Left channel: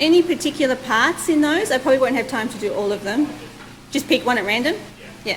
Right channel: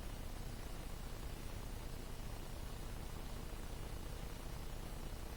Any particular parts in those? I probably won't have time to do all of them. Just pick one at random? Yeah.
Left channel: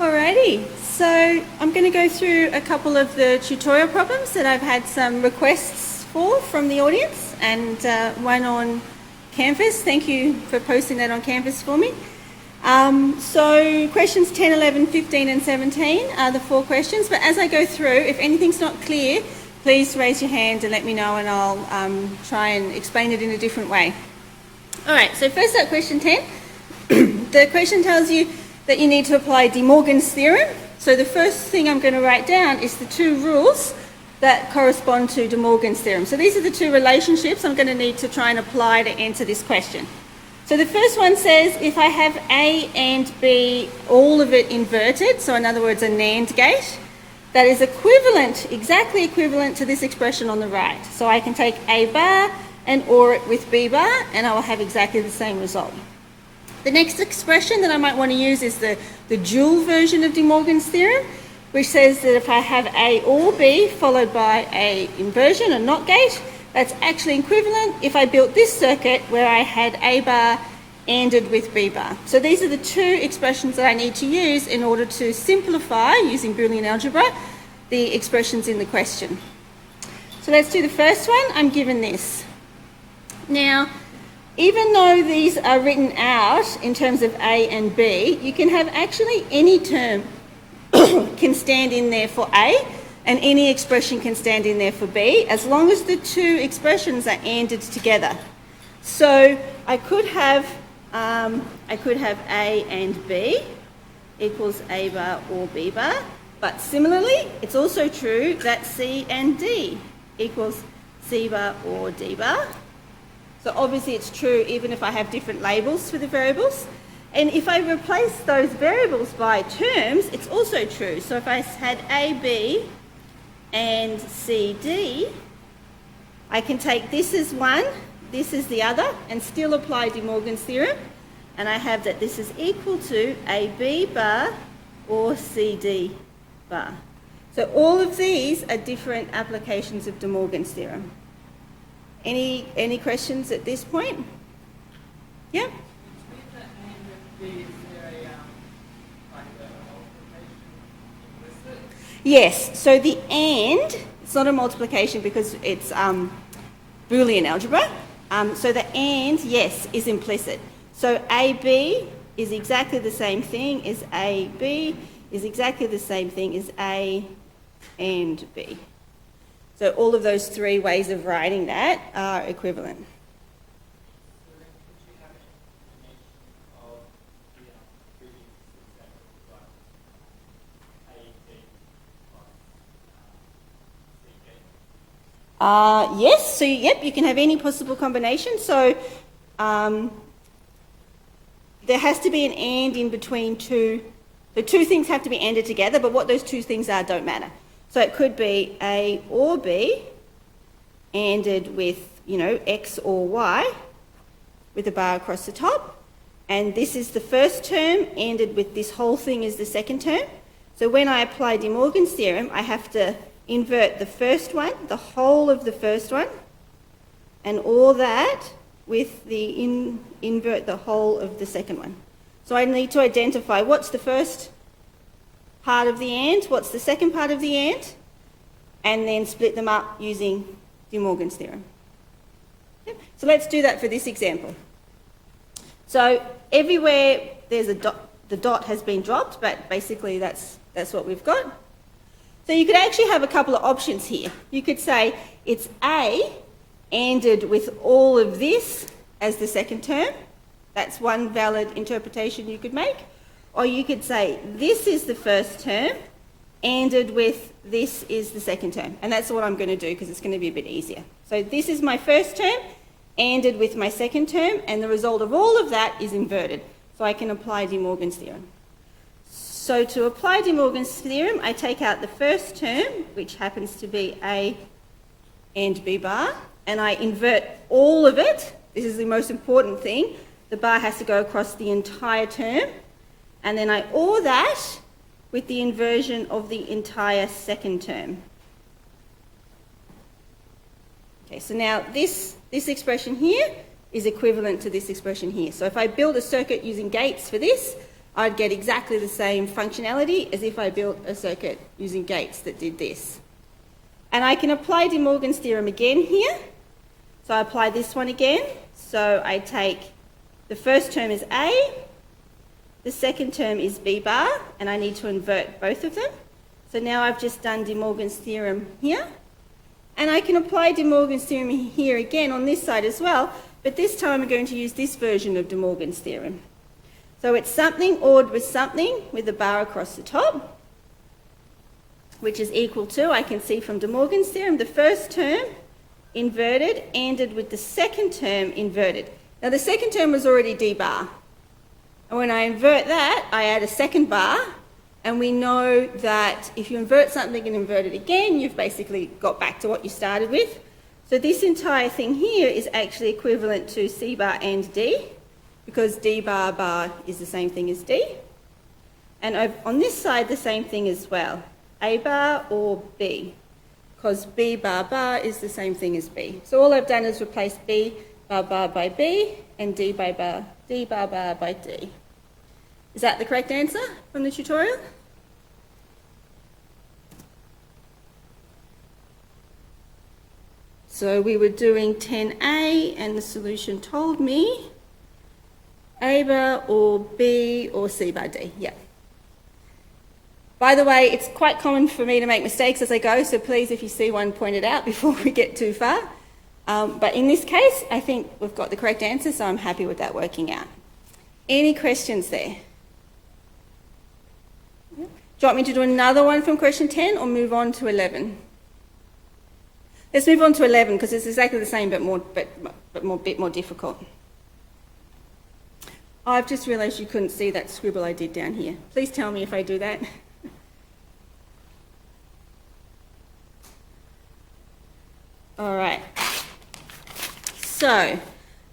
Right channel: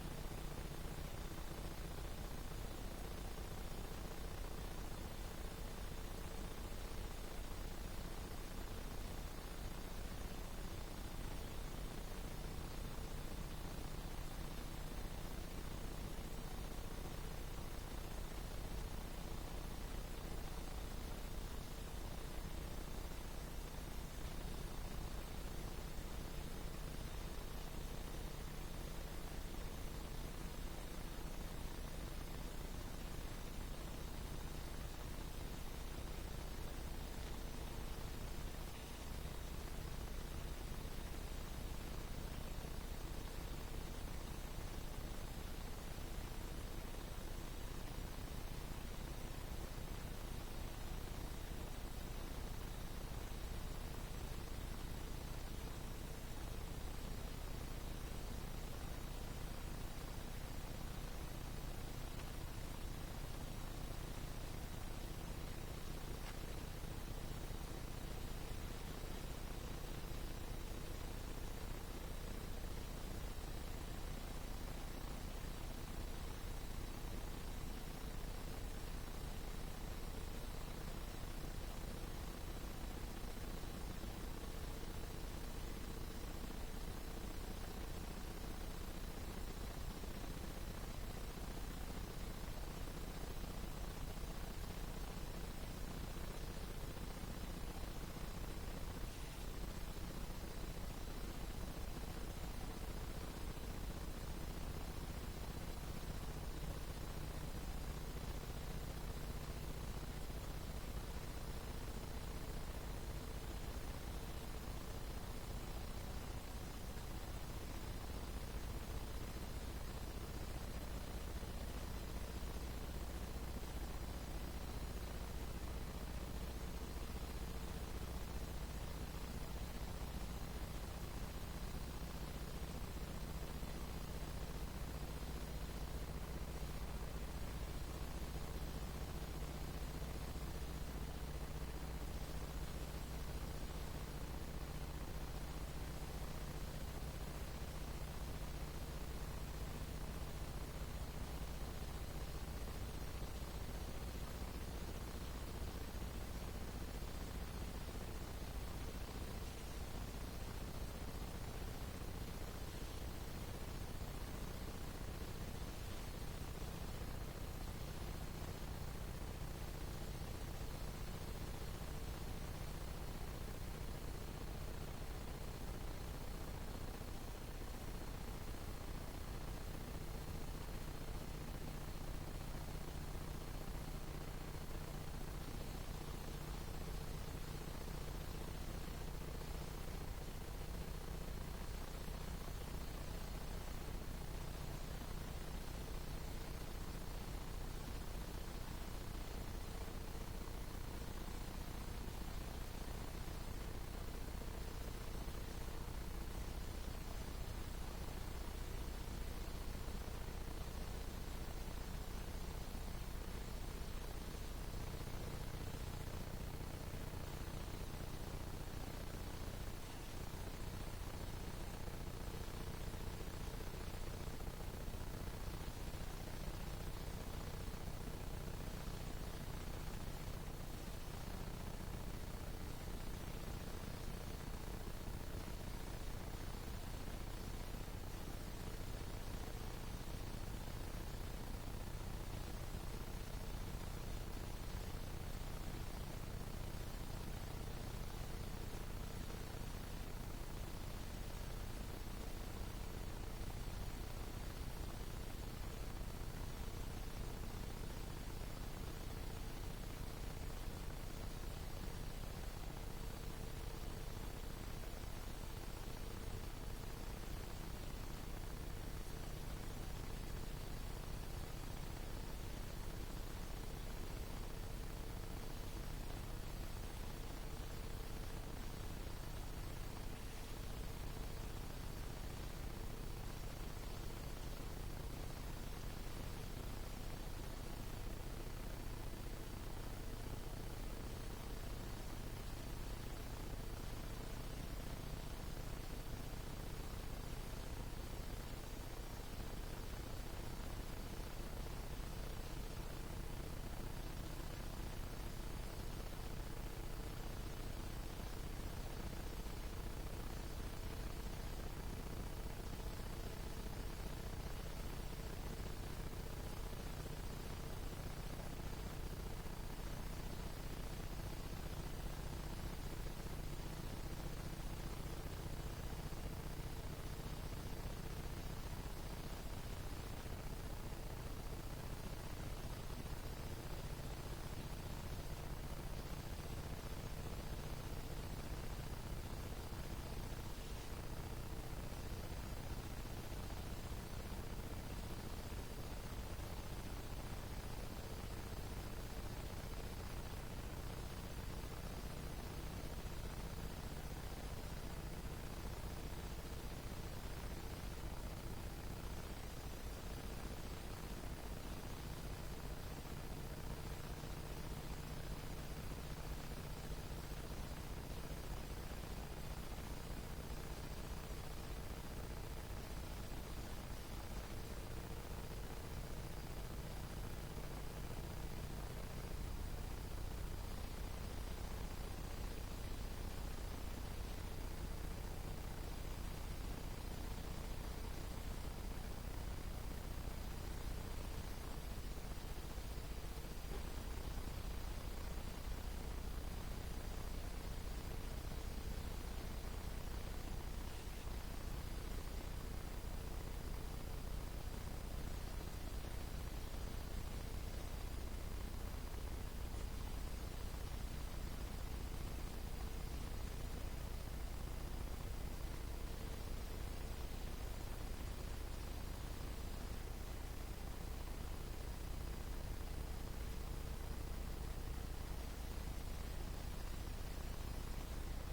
Alrighty, so I'm going to go through a couple of the tutorial problems that I've had some requests for from the audience, and one on Canvas. Thank you for posting that on Canvas for me. So questions 10, 11, 15 and 17 are the 4 questions, but as I go through, if anything's not clear, please raise your hand and let me know, and I'll try and explain it in a different way. Alright, so first up, question 10. The question tells you that you need to apply De Morgan's theorem. So the first thing I'm going to write down is the 2 rules that correspond to De Morgan's theorem. So these are the 2 relationships I'm going to need to try and apply to answer this question. So the first one says if I have A and B, all of it inverted, so in other words a NAND gate, that is equivalent, exactly equivalent to this expression on the right. So I can take A bar and OR it with B bar and I will have exactly the same result. The next expression that I might want to use is the dual version of De Morgan's theorem, which says that if I have A or B followed by a inversion, a NOT gate, that's actually equivalent if I built this circuit where I had A bar ANDed with B bar. So these are the 2 expressions that I need to use in order to simplify, using Boolean algebra, the expressions in the question. So let's do the first one. I'm given this. Now, even though these are written out in terms of A and B, you can have actually any term can stand in there for A and any expression can stand in there for B, as long as the 2 expressions are ANDed together. So I could have A and B equals A bar or B bar, but similarly, it's also true that C and D equals C bar or D bar. So obviously it's true even if I have different labels for the variables. And if I replace those variables by terms, it's also true. So if I had AB and CD, I can take this as one, this is the other, and still apply De Morgan's theorem. And I have that this is equal to AB bar or CD bar. So all of these are different applications of De Morgan's theorem. Any questions at this point? Yeah? Yes, so the AND, it's not a multiplication because it's Boolean algebra. So the AND, yes, is implicit. So AB is exactly the same thing as AB, is exactly the same thing as A and B. So all of those 3 ways of writing that are equivalent. Yes, so yep, you can have any possible combination. So there has to be an and in between two. The two things have to be anded together, but what those two things are don't matter. So it could be A or B anded with, you know, X or Y with a bar across the top. And this is the first term anded with this whole thing is the second term. So when I apply De Morgan's theorem, I have to invert the first one, the whole of the first one, and all that with the invert the whole of the second one. So I need to identify what's the first part of the and, what's the second part of the and then split them up using De Morgan's theorem. Okay. So let's do that for this example. So everywhere there's a dot, the dot has been dropped, but basically that's what we've got. So you could actually have a couple of options here. You could say it's A anded with all of this as the second term. That's one valid interpretation you could make. Or you could say this is the first term anded with this is the second term. And that's what I'm going to do because it's going to be a bit easier. So this is my first term anded with my second term, and the result of all of that is inverted. So I can apply De Morgan's theorem. So to apply De Morgan's theorem, I take out the first term, which happens to be A and B bar, and I invert all of it. This is the most important thing. The bar has to go across the entire term, and then I OR that with the inversion of the entire second term. Okay, so now this expression here is equivalent to this expression here. So if I build a circuit using gates for this, I'd get exactly the same functionality as if I built a circuit using gates that did this. And I can apply De Morgan's theorem again here. So I apply this one again. So I take the first term is A, the second term is B bar, and I need to invert both of them. So now I've just done De Morgan's theorem here. And I can apply De Morgan's theorem here again on this side as well, but this time I'm going to use this version of De Morgan's theorem. So it's something ORed with something with a bar across the top, which is equal to, I can see from De Morgan's theorem, the first term inverted anded with the second term inverted. Now the second term was already D bar. And when I invert that, I add a second bar, and we know that if you invert something and invert it again, you've basically got back to what you started with. So this entire thing here is actually equivalent to C bar and D, because D bar bar is the same thing as D. And on this side, the same thing as well, A bar or B, because B bar bar is the same thing as B. So all I've done is replace B bar bar by B and D bar bar by D. Is that the correct answer from the tutorial? So we were doing 10A and the solution told me A bar or B or C bar D. Yep. By the way, it's quite common for me to make mistakes as I go, so please, if you see one, point it out before we get too far. But in this case, I think we've got the correct answer, so I'm happy with that working out. Any questions there? Do you want me to do another one from question 10 or move on to 11? Let's move on to 11 because it's exactly the same but a bit more difficult. I've just realised you couldn't see that scribble I did down here. Please tell me if I do that. All right. So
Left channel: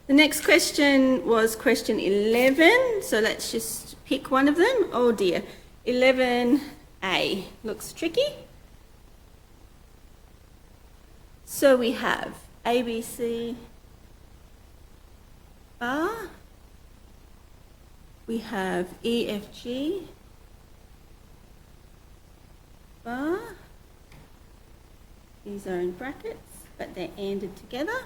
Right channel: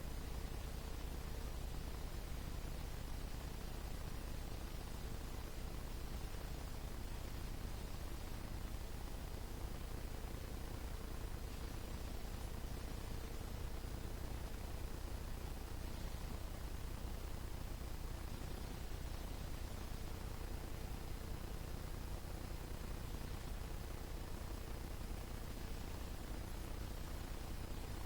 the next question was question 11. So let's just pick one of them. Oh dear. 11A looks tricky. So we have ABC bar. We have EFG bar. These are in brackets, but they're ANDed together.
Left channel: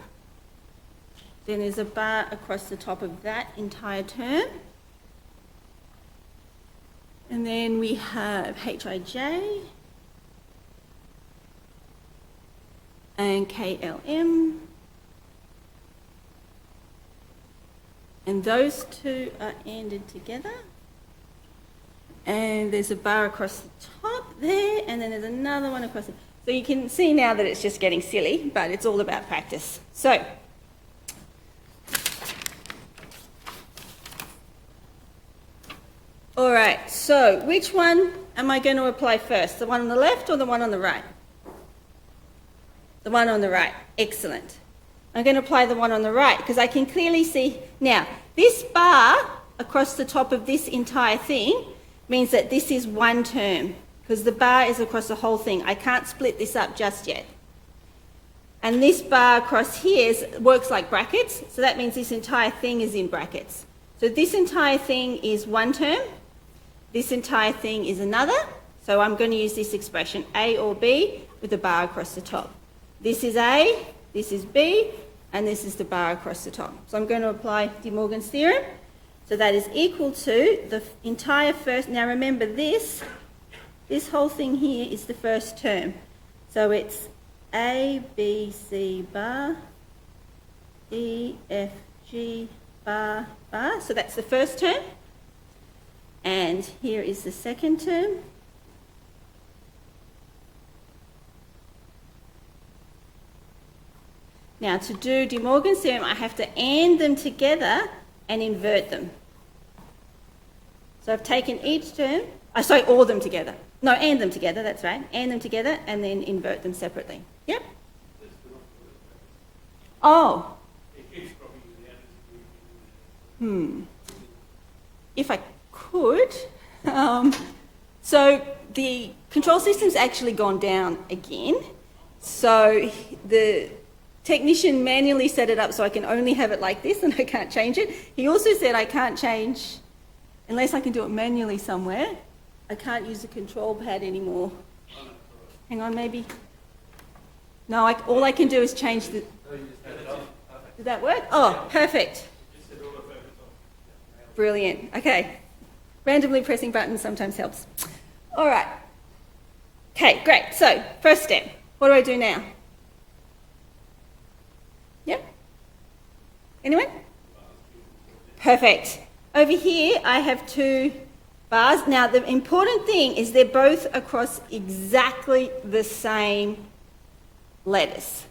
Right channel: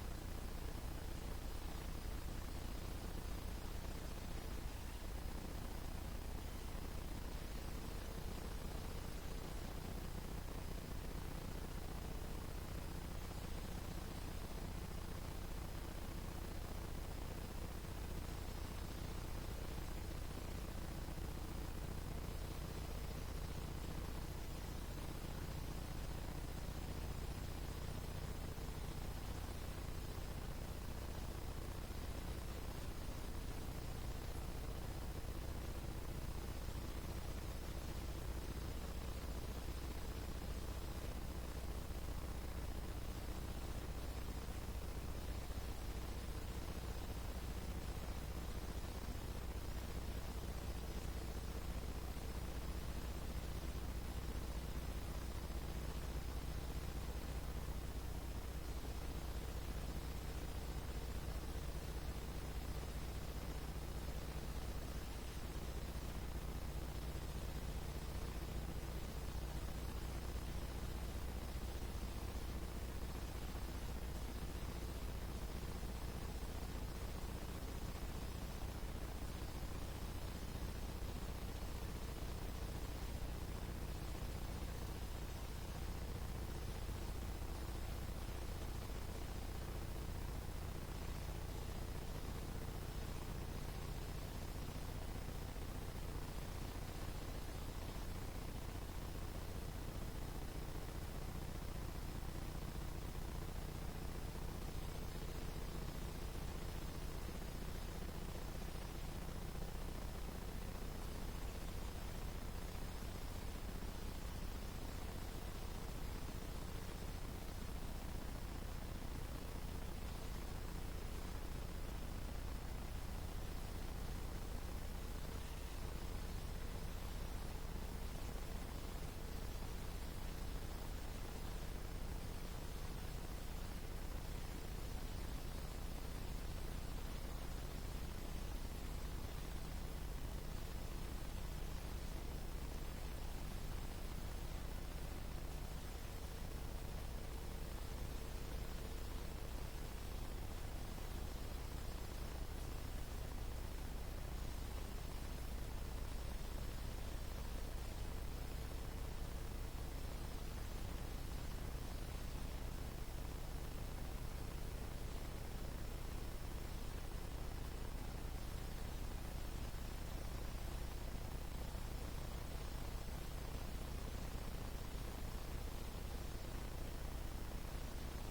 Then there's a bar across the top of that entire term. And then we have HIJ and KLM. And those two are ANDed together. And there's a bar across the top there, and then there's another one across the... So you can see now that it's just getting silly, but it's all about practice. So, all right, so which one am I going to apply first? The one on the left or the one on the right? The one on the right. Excellent. I'm going to apply the one on the right because I can clearly see. Now, this bar across the top of this entire thing means that this is one term because the bar is across the whole thing. I can't split this up just yet. And this bar across here works like brackets, so that means this entire thing is in brackets. So this entire thing is one term. This entire thing is another. So I'm going to use this expression, A or B, with a bar across the top. This is A, this is B, and this is the bar across the top. So I'm going to apply De Morgan's theorem. So that is equal to the entire first, now remember this whole thing here is the first term. So it's A, B, C bar, E, F, G bar, bar. So that's the first term. And here is the second term. Now to do De Morgan's theorem, I have to AND them together and invert them. So I've taken each term, all of them together. No, AND them together, that's right. AND them together and then invert them separately. Yep. Oh. If I could. So the control system's actually gone down again. So the technician manually set it up so I can only have it like this and I can't change it. He also said I can't change, unless I can do it manually somewhere, I can't use the control pad anymore. Hang on, maybe. No, all I can do is change the... Did that work? Oh, perfect. Brilliant. Okay. Randomly pressing buttons sometimes helps. All right. Okay, great. So, first step. What do I do now? Yep. Anyone? Perfect. Over here, I have two bars. Now, the important thing is they're both across exactly the same letters.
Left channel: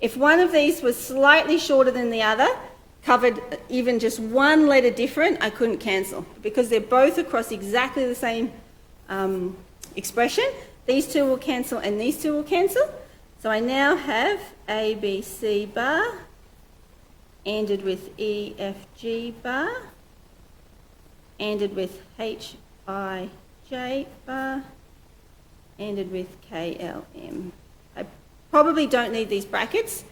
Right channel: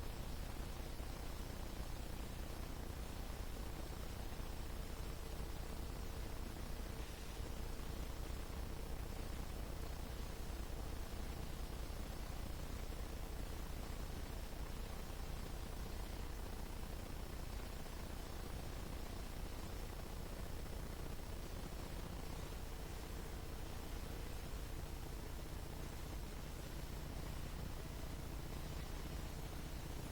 If one of these was slightly shorter than the other, covered even just one letter different, I couldn't cancel because they're both across exactly the same expression. These two will cancel and these two will cancel. So I now have A, B, C bar, ANDed with E, F, G bar, ANDed with H, I, J bar, ANDed with K, L, M. I probably don't need these brackets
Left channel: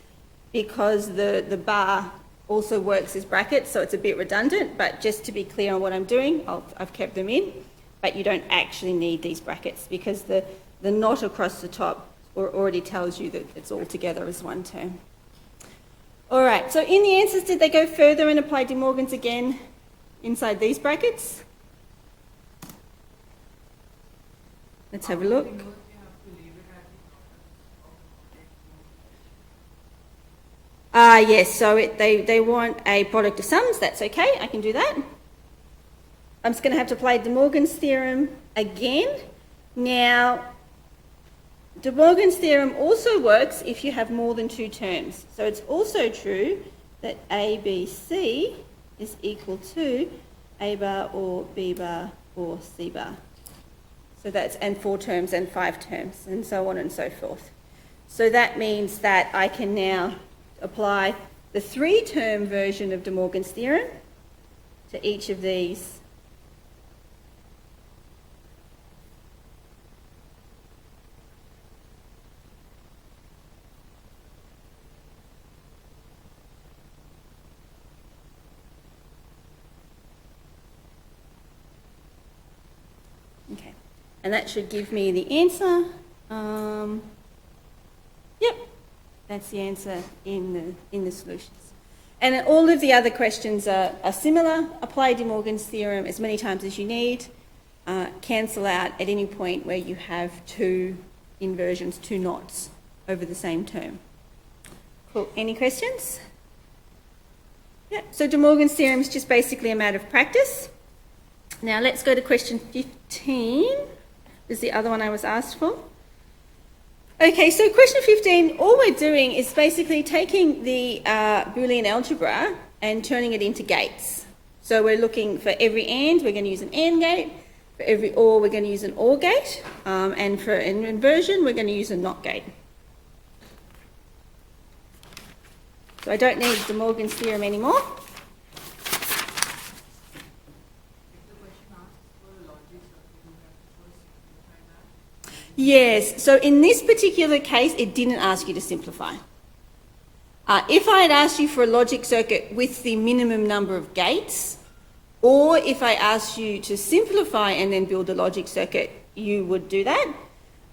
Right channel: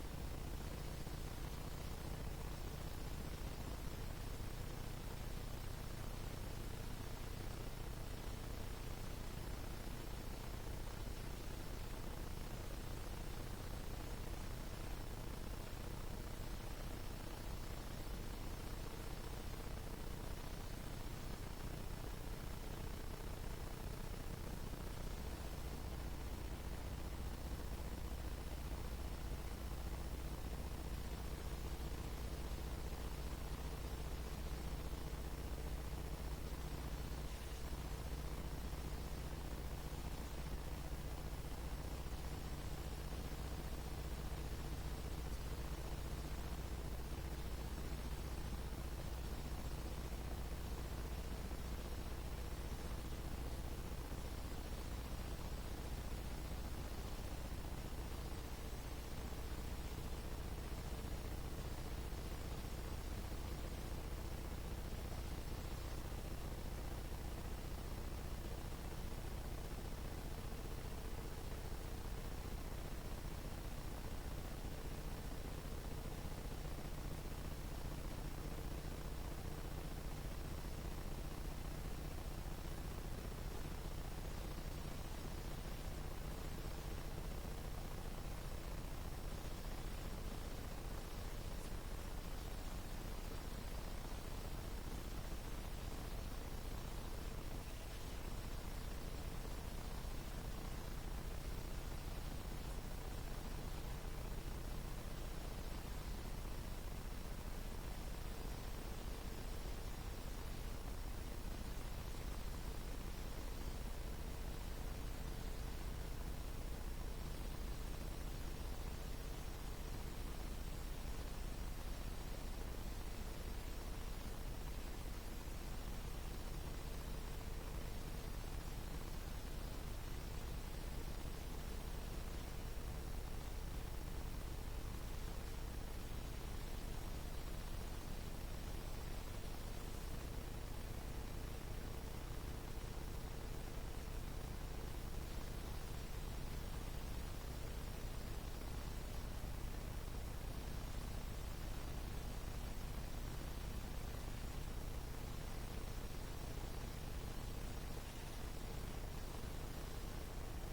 because the bar also works as brackets, so it's a bit redundant, but just to be clear on what I'm doing, I've kept them in, but you don't actually need these brackets because the knot across the top already tells you that it's all together as one term. All right, so in the answers, did they go further and apply De Morgan's again inside these brackets? Let's have a look. Yes, so they want a product of sums. That's okay, I can do that. I'm just going to have to apply De Morgan's theorem again. Now, De Morgan's theorem also works if you have more than two terms. So it's also true that A, B, C is equal to A bar or B bar or C bar. So that's, and 4 terms and 5 terms and so on and so forth. So that means that I can now apply the 3-term version of De Morgan's theorem to each of these . Okay, and that should give me the answer. Yep. That's the answer in the solutions. And all of the other questions are similar. Apply De Morgan's theorem as many times as you need. Cancel out at any point where you have 2 inversions, 2 knots over the same term. Cool. Any questions? Yep. So De Morgan's theorem is just basically a matter of practice. Now let's go to question 15. This is the other one I was asked for. Okay, so question 15, all we're doing is basically taking the Boolean algebra and turning it into gates. So we're looking for every AND, we're going to use an AND gate. For every OR, we're going to use an OR gate. And for an inversion, we're going to use a NOT gate. So I don't need De Morgan's theorem anymore. Yes, so in this particular case, it didn't ask you to simplify. If I had asked you for a logic circuit with the minimum number of gates, or if I asked you to simplify and then build a logic circuit, you would do that.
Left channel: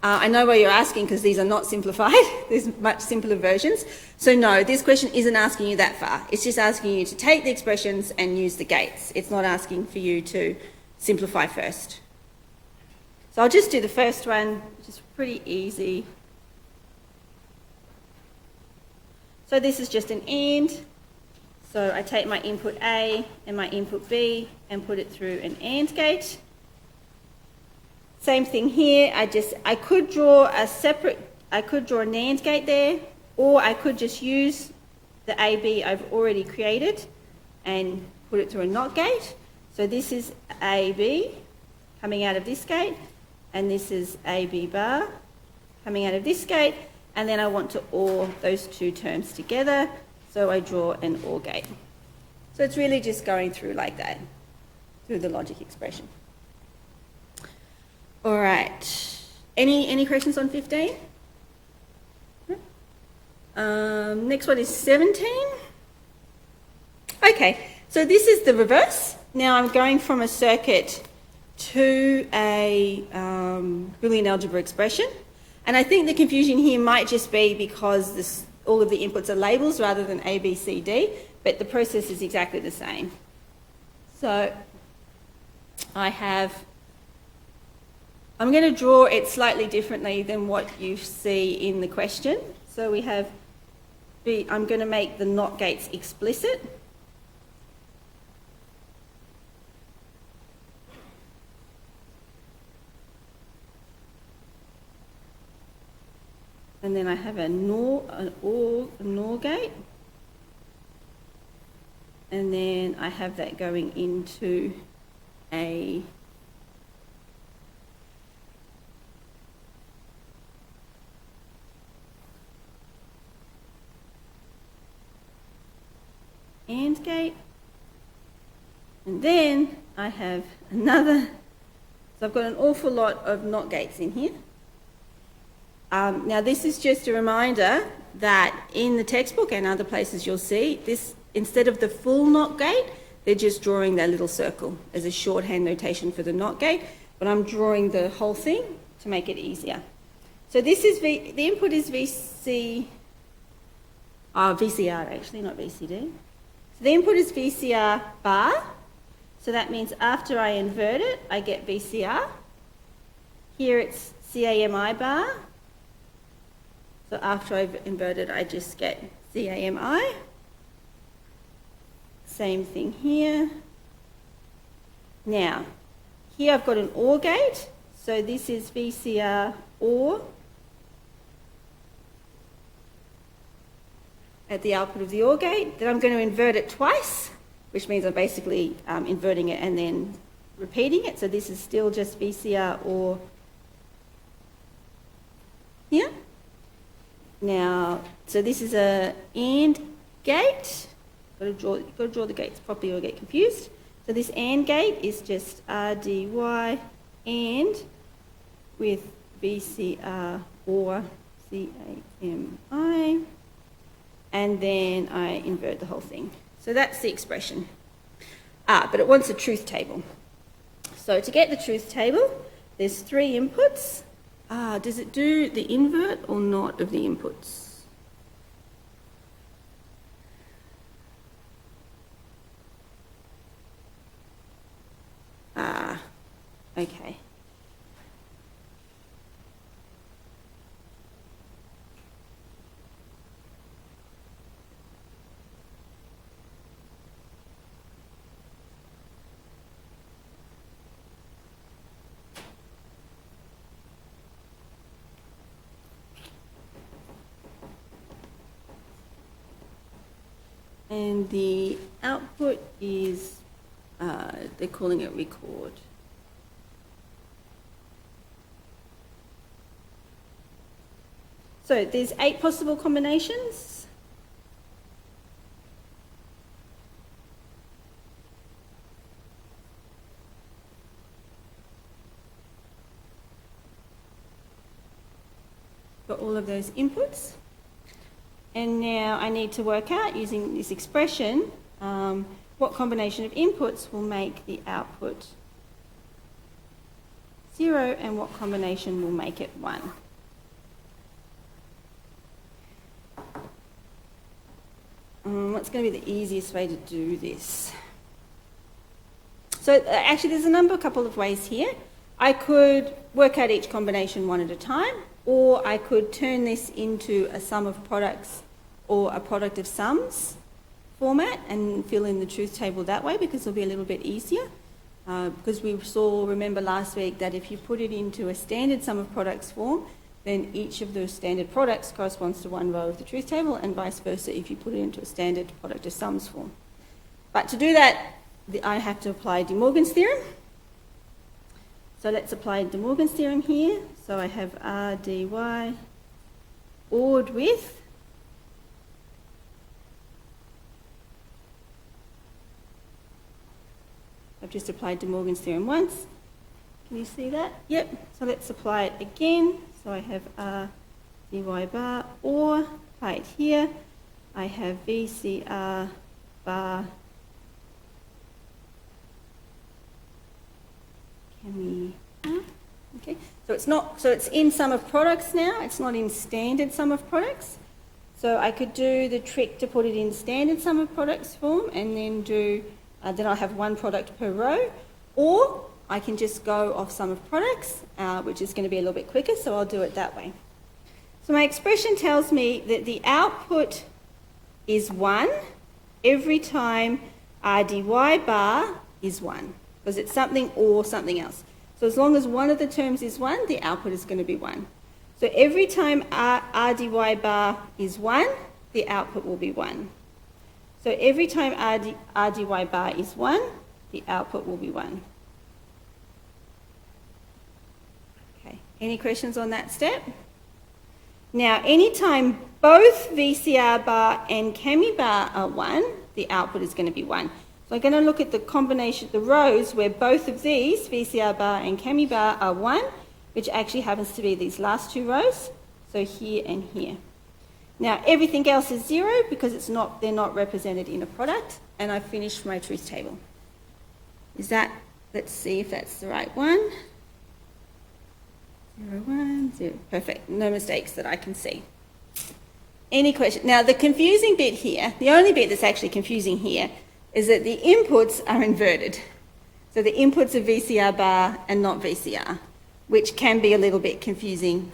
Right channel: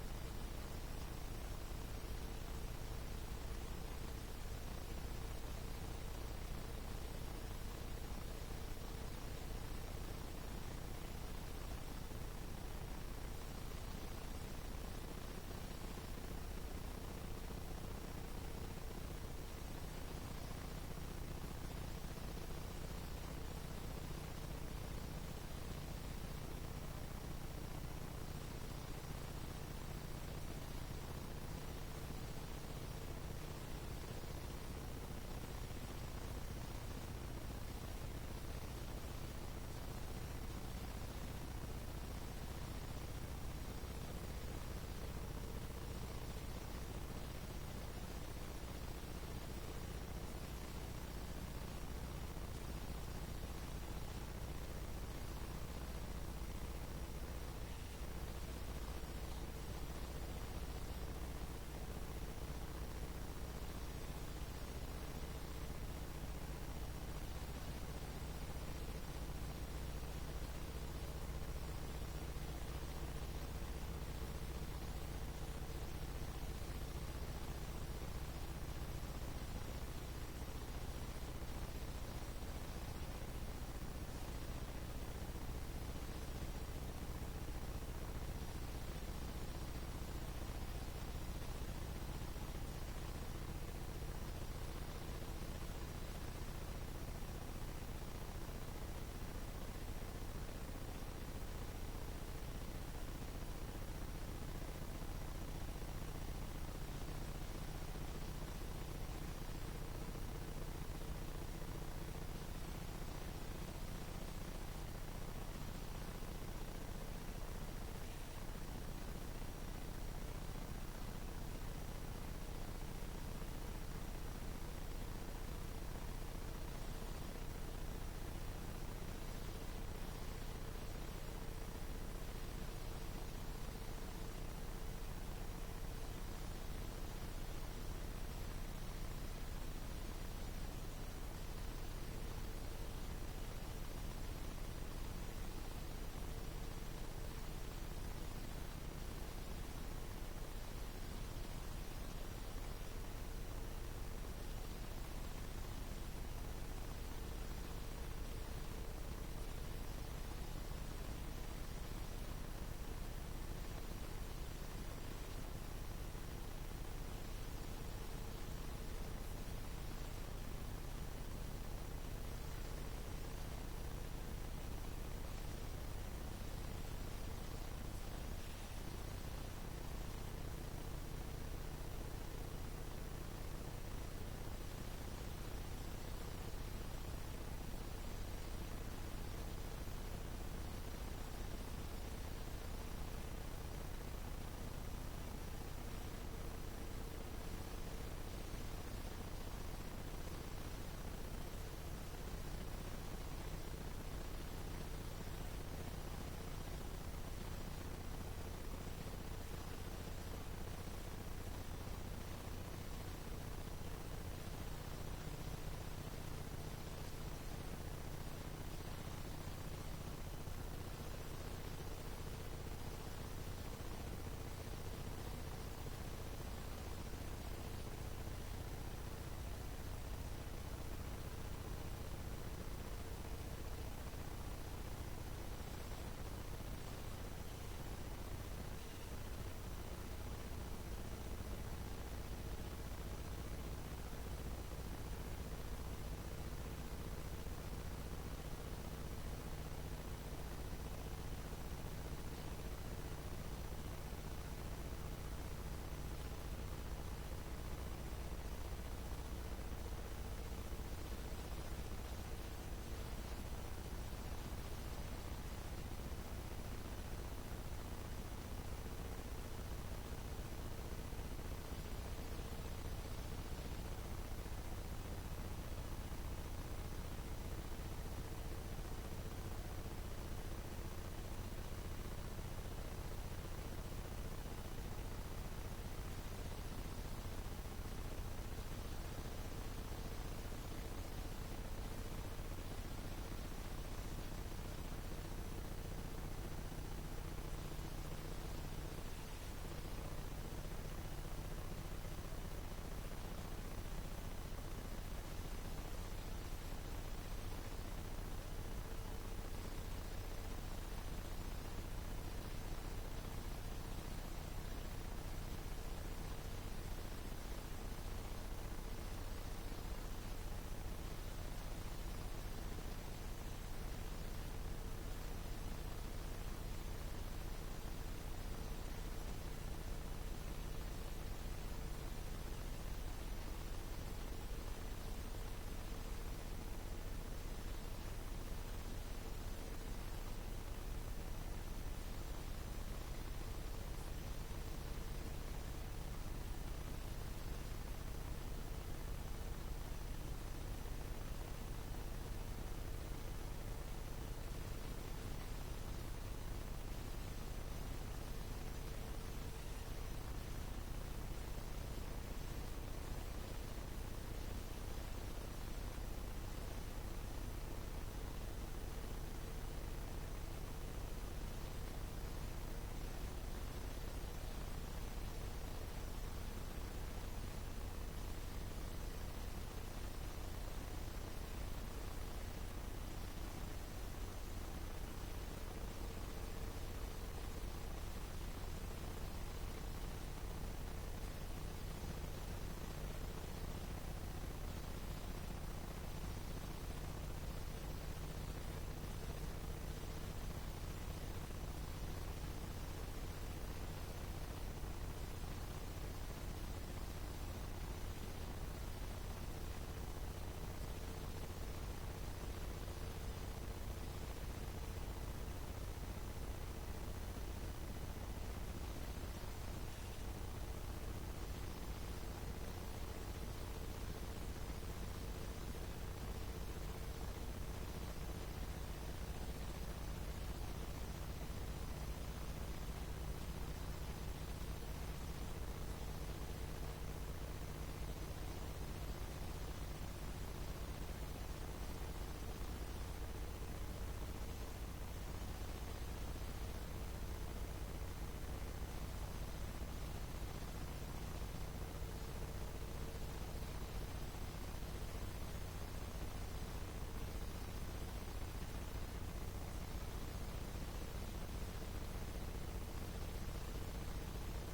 I know why you're asking because these are not simplified. There's much simpler versions. So no, this question isn't asking you that far. It's just asking you to take the expressions and use the gates. It's not asking for you to simplify first. So I'll just do the first one, which is pretty easy. So this is just an AND. So I take my input A and my input B and put it through an AND gate. Same thing here. I could draw a separate, I could draw a NAND gate there, or I could just use the AB I've already created and put it through a NOT gate. So this is AB coming out of this gate, and this is AB bar coming out of this gate, and then I want to OR those two terms together, so I draw an OR gate. So it's really just going through like that, through the logic expression. All right. Any questions on 15? Next one is 17. Okay, so this is the reverse. Now I'm going from a circuit to a Boolean algebra expression. And I think the confusion here might just be because all of the inputs are labels rather than A, B, C, D, but the process is exactly the same. So I'm going to draw it slightly differently than what you see in the question. So we have I'm going to make the NOT gates explicit. And then I have an OR gate. And then I have that going into a AND gate. And then I have another, so I've got an awful lot of NOT gates in here. Now this is just a reminder that in the textbook and other places you'll see this, instead of the full NOT gate, they're just drawing that little circle as a shorthand notation for the NOT gate, but I'm drawing the whole thing to make it easier. So this is the input is VCR actually, not VCD. So the input is VCR bar, so that means after I invert it, I get VCR. Here it's CAMI bar. So after I've inverted, I just get CAMI. Same thing here. Now, here I've got an OR gate. So this is VCR OR at the output of the OR gate. Then I'm going to invert it twice, which means I'm basically inverting it and then repeating it. So this is still just VCR OR here. Now, so this is a AND gate. Got to draw the gates properly or you'll get confused. So this AND gate is just RDY AND with VCR or CAMI, and then I invert the whole thing. So that's the expression. But it wants a truth table. So to get the truth table, there's 3 inputs. Does it do the invert or not of the inputs? Okay. And the output is, they're calling it record. So there's 8 possible combinations. Got all of those inputs. And now I need to work out, using this expression, what combination of inputs will make the output 0 and what combination will make it 1. What's going to be the easiest way to do this? So actually there's a couple of ways here. I could work out each combination one at a time, or I could turn this into a sum of products or a product of sums format and fill in the truth table that way, because it'll be a little bit easier. Because we remember last week that if you put it into a standard sum of products form, then each of those standard products corresponds to one row of the truth table, and vice versa if you put it into a standard product of sums form. But to do that, I have to apply De Morgan's theorem. So let's apply De Morgan's theorem here. So I have R dy ORed with I've just applied De Morgan's theorem once. Can you see that? Yep. So let's apply it again. So I have R dy bar, or apply it here. I have VCR bar okay. So it's in sum of products now. It's not in standard sum of products. So I could do the trick to put it in standard sum of products form, and then do then I'll have one product per row, or I can just go off sum of products, which is going to be a little bit quicker, so I'll do it that way. So my expression tells me that the output is 1 every time R dy bar is 1, because it's something or something else. So as long as one of the terms is 1, the output is going to be 1. So every time R dy bar is 1, the output will be 1. So every time R dy bar is 1, the output will be 1. Okay, any questions on that step? Now, anytime both VCR bar and Cami bar are 1, the output is going to be 1. So I'm going to look at the combination, the rows where both of these, VCR bar and Cami bar, are 1, which actually happens to be these last 2 rows, so here and here. Now, everything else is 0 because they're not represented in a product, and I've finished my truth table. Let's see if that's the right one. 0, 1, 0. Perfect. No mistakes that I can see. Any questions? Now, the confusing bit here, the only bit that's actually confusing here, is that the inputs are inverted. So the inputs are VCR bar and not VCR, which can be a little bit confusing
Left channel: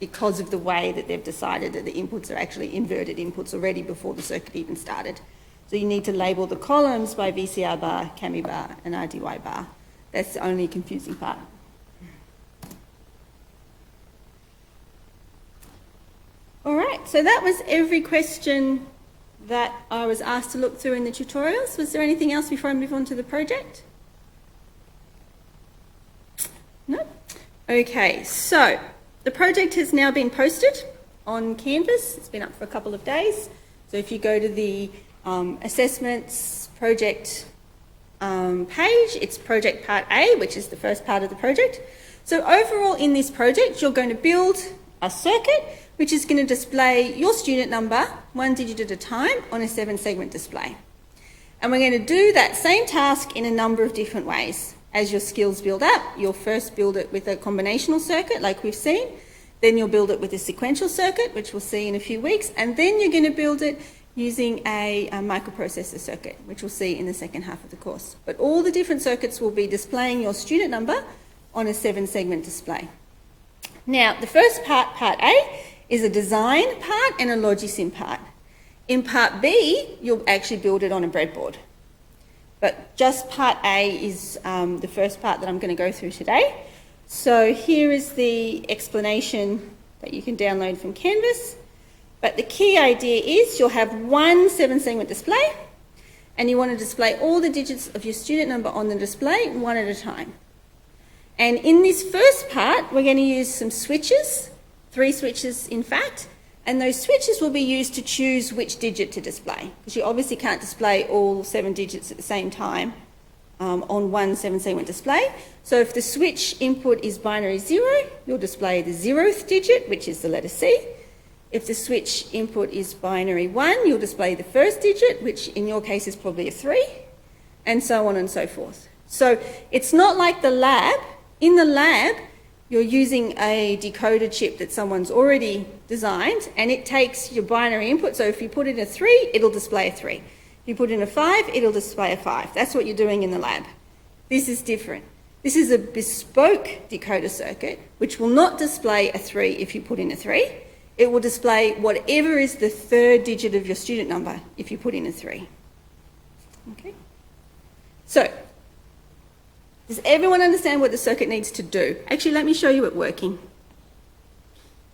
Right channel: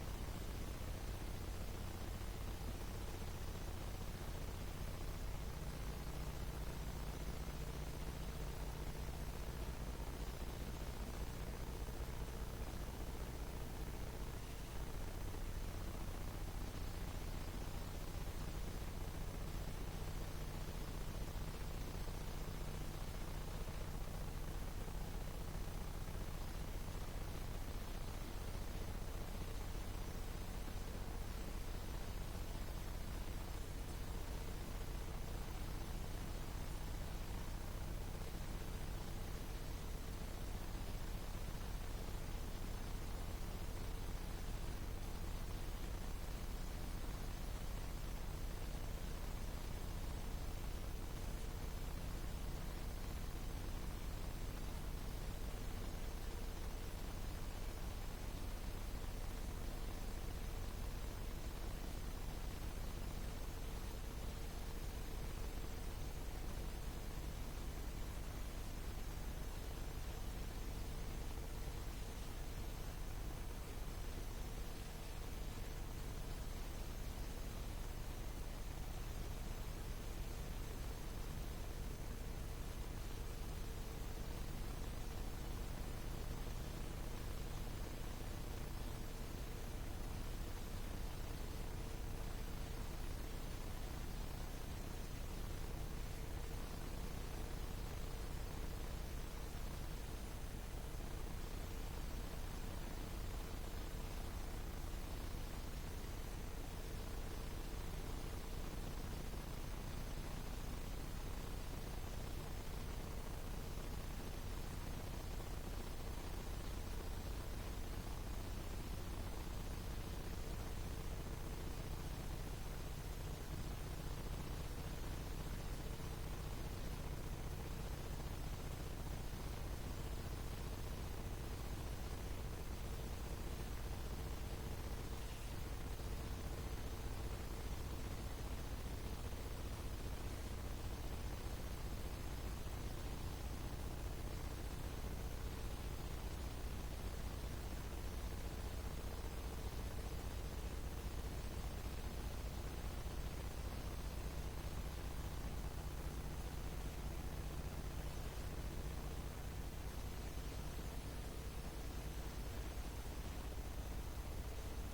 because of the way that they've decided that the inputs are actually inverted inputs already before the circuit even started. So you need to label the columns by VCR bar, Cami bar, and R dy bar. That's the only confusing part. All right, so that was every question that I was asked to look through in the tutorials. Was there anything else before I move on to the project? No? Okay, so the project has now been posted on Canvas. It's been up for a couple of days. So if you go to the assessments project page, it's project part A, which is the first part of the project. So overall in this project, you're going to build a circuit which is going to display your student number 1 digit at a time on a 7-segment display. And we're going to do that same task in a number of different ways. As your skills build up, you'll first build it with a combinational circuit like we've seen, then you'll build it with a sequential circuit, which we'll see in a few weeks, and then you're going to build it using a microprocessor circuit, which we'll see in the second half of the course. But all the different circuits will be displaying your student number on a 7-segment display. Now, the first part, part A, is a design part and a Logisim part. In part B, you'll actually build it on a breadboard. But just part A is the first part that I'm going to go through today. So here is the explanation that you can download from Canvas. But the key idea is you'll have one 7-segment display, and you want to display all the digits of your student number on the display one at a time. And in this first part, we're going to use some switches, 3 switches in fact, and those switches will be used to choose which digit to display, because you obviously can't display all 7 digits at the same time on one 7-segment display. So if the switch input is binary 0, you'll display the 0th digit, which is the letter C. If the switch input is binary 1, you'll display the first digit, which in your case is probably a 3, and so on and so forth. So it's not like the lab. In the lab, you're using a decoder chip that someone's already designed, and it takes your binary input. So if you put in a 3, it'll display a 3. If you put in a 5, it'll display a 5. That's what you're doing in the lab. This is different. This is a bespoke decoder circuit, which will not display a 3 if you put in a 3. It will display whatever is the 3rd digit of your student number if you put in a 3. Okay? So, does everyone understand what the circuit needs to do? Actually, let me show you it working.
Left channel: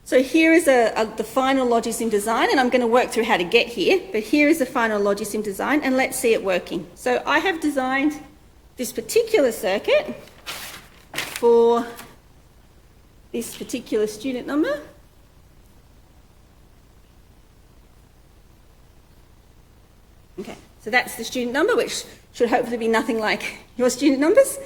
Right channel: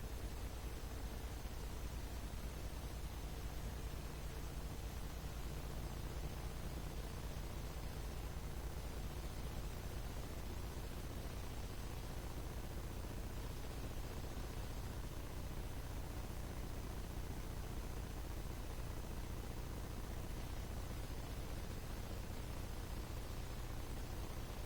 So here is the final Logisim design, and I'm going to work through how to get here, but here is the final Logisim design, and let's see it working. So I have designed this particular circuit for this particular student number. Okay, so that's the student number, which should hopefully be nothing like your student numbers.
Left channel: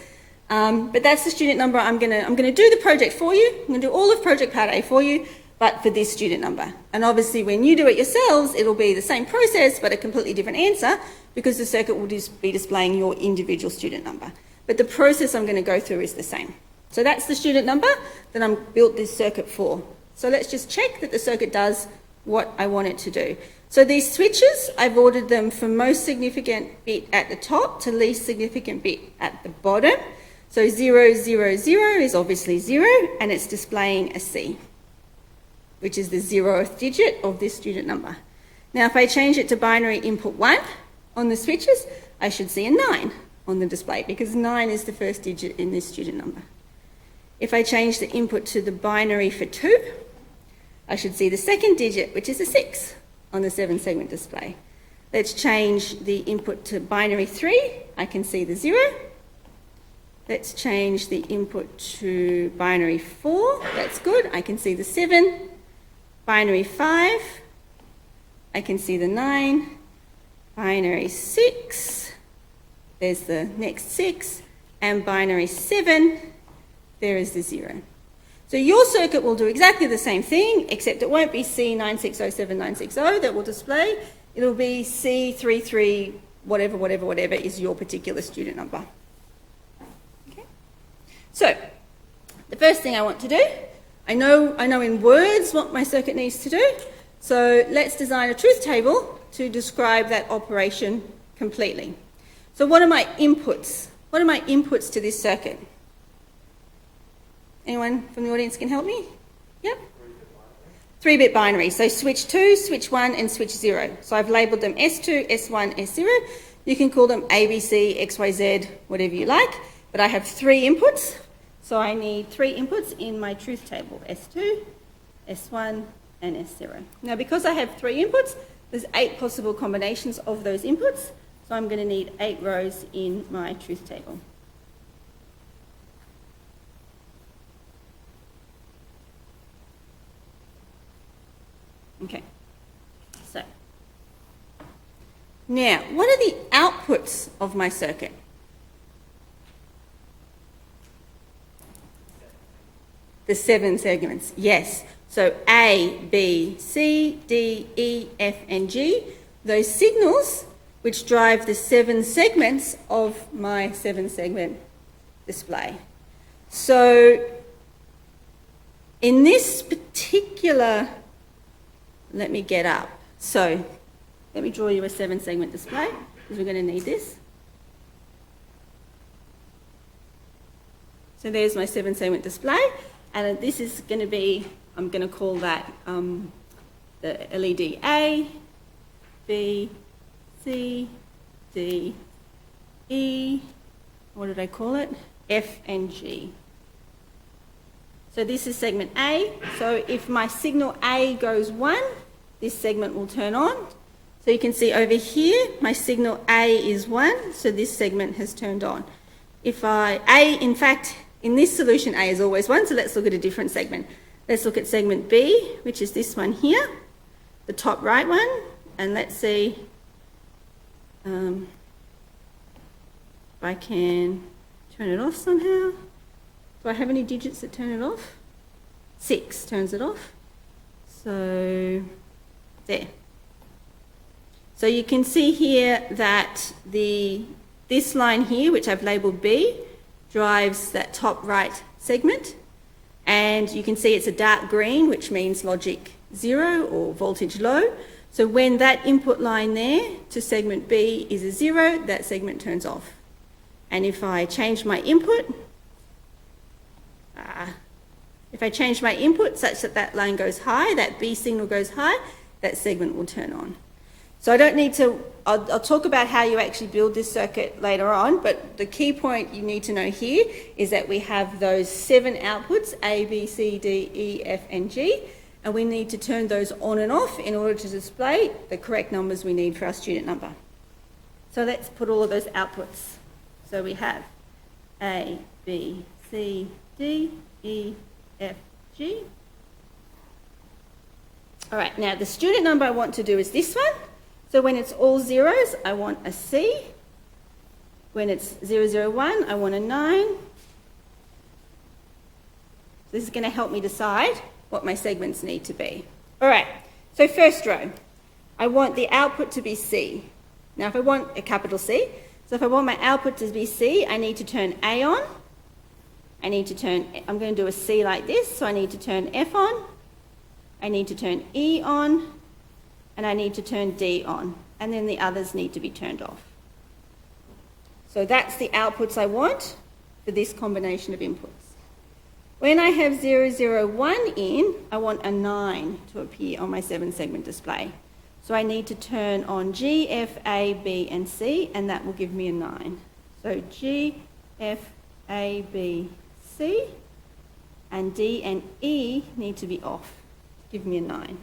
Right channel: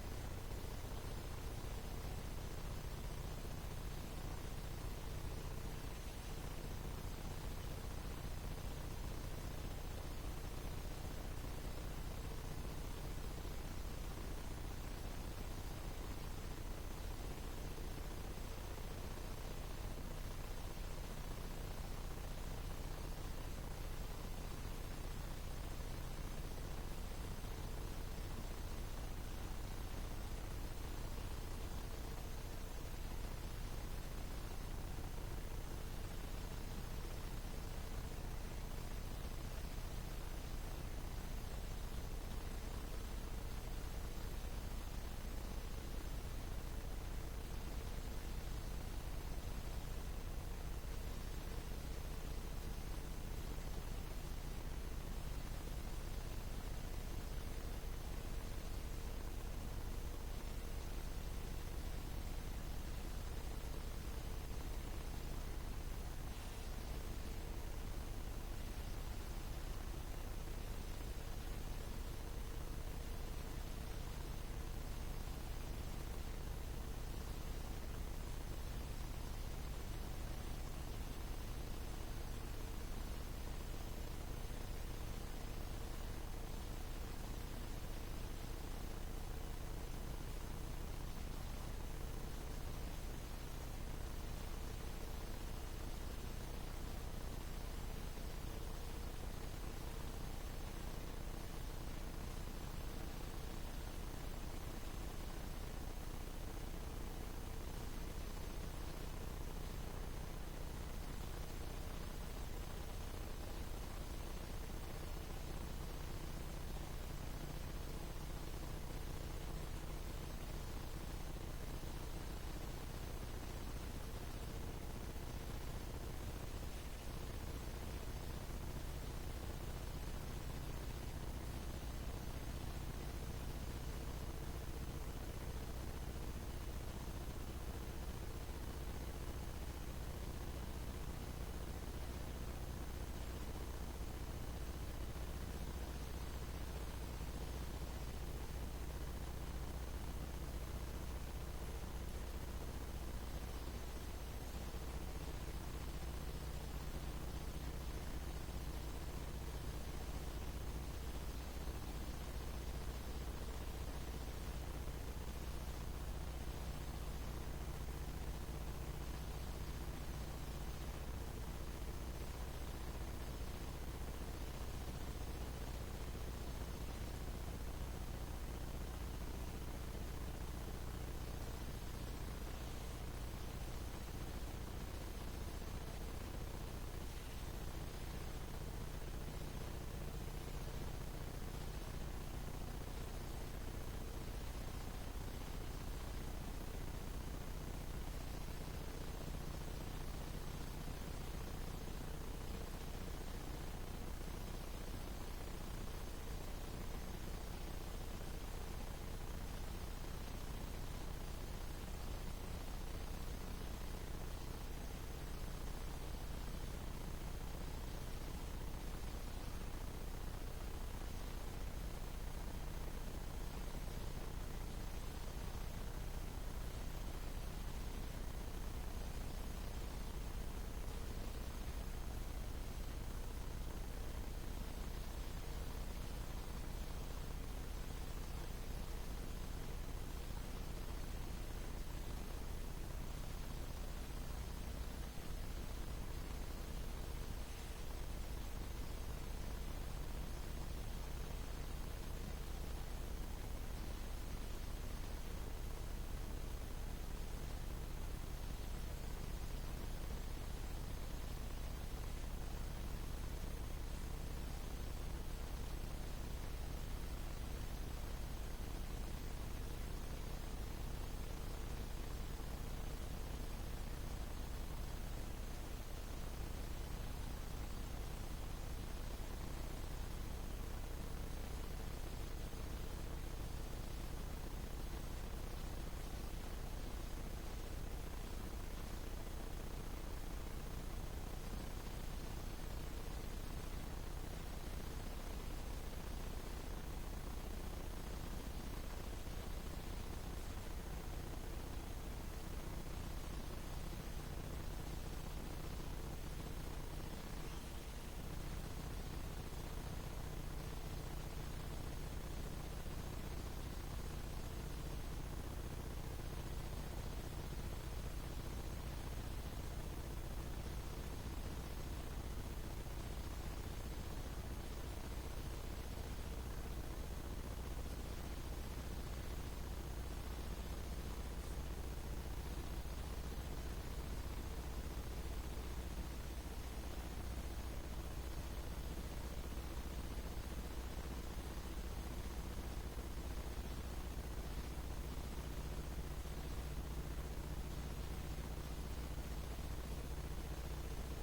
But that's the student number. I'm going to do the project for you. I'm going to do all of project part A for you, but for this student number. And obviously when you do it yourselves, it'll be the same process, but a completely different answer, because the circuit will just be displaying your individual student number. But the process I'm going to go through is the same. So that's the student number that I'm built this circuit for. So let's just check that the circuit does what I want it to do. So these switches, I've ordered them from most significant bit at the top to least significant bit at the bottom. So 0, 0, 0 is obviously 0, and it's displaying a C, which is the 0th digit of this student number. Now if I change it to binary input 1 on the switches, I should see a 9 on the display, because 9 is the first digit in this student number. If I change the input to the binary for 2, I should see the 2nd digit, which is a 6 on the 7-segment display. Let's change the input to binary 3. I can see the 0. Let's change the input to binary 4. That's good. I can see the 7. Binary 5. I can see the 9. Binary 6. There's the next 6. And binary 7. There is the 0. So your circuit will do exactly the same thing, except it won't be C9607960 that will display. It'll be C33 whatever is your particular student number. Okay. So the first thing I want to do, I know in words what my circuit needs to do. So let's design a truth table to describe that operation completely. So what are my inputs? What are my inputs to this circuit? Anyone from the audience can help me? Yep. 3-bit binary. So switch 2, switch 1, and switch 0. So I've labelled them S2, S1, S0. You can call them ABC, XYZ, whatever you like. But I have 3 inputs. So I need 3 inputs in my truth table. S2, S1, and S0. Now because I have 3 inputs, there's 8 possible combinations of those inputs. So I'm going to need 8 rows in my truth table. Okay, so now what are the outputs of my circuit? The 7 segments, yes. So A, B, C, D, E, F, and G, those signals which drive the 7 segments of my 7-segment display. So in this particular, let me get up. So let me draw you a 7-segment display, because we're going to need this. So there's my 7-segment display, and this is going to be, I'm going to call that the LED A, B, C, D, E, what did I call it? F and G. So this is segment A. So if my signal A goes 1, this segment will turn on. So you can see over here, my signal A is 1, so this segment has turned on. In fact, in this solution, A is always 1, so let's look at a different segment. Let's look at segment B, which is this one here, the top right one, and let's see if I can turn it off somehow. Do I have any digits that turn it off? 6 turns it off. So, there. So you can see here that this line here, which I've labelled B, drives that top right segment. And you can see it's a dark green, which means logic 0 or voltage low. So when that input line there to segment B is a 0, that segment turns off. And if I change my input, such that that line goes high, that B signal goes high, that segment will turn on. So I don't need to, I'll talk about how you actually build this circuit later on, but the key point you need to know here is that we have those 7 outputs, A, B, C, D, E, F, and G, and we need to turn those on and off in order to display the correct numbers we need for our student number. So let's put all of those outputs. So we have A, B, C, D, E, F, G. All right, now the student number I want to do is this one. So when it's all zeros, I want a C. When it's 001, I want a 9. This is going to help me decide what my segments need to be. All right, so first row, I want the output to be C. Now if I want a capital C, so if I want my output to be C, I need to turn A on. I'm going to do a C like this, so I need to turn F on. I need to turn E on. And I need to turn D on, and then the others need to be turned off. So that's the outputs I want for this combination of inputs. When I have 001 in, I want a 9 to appear on my 7-segment display. So I need to turn on G, F, A, B, and C, and that will give me a 9. So G, F, A, B, C, and D and E need to be off, give me a 9.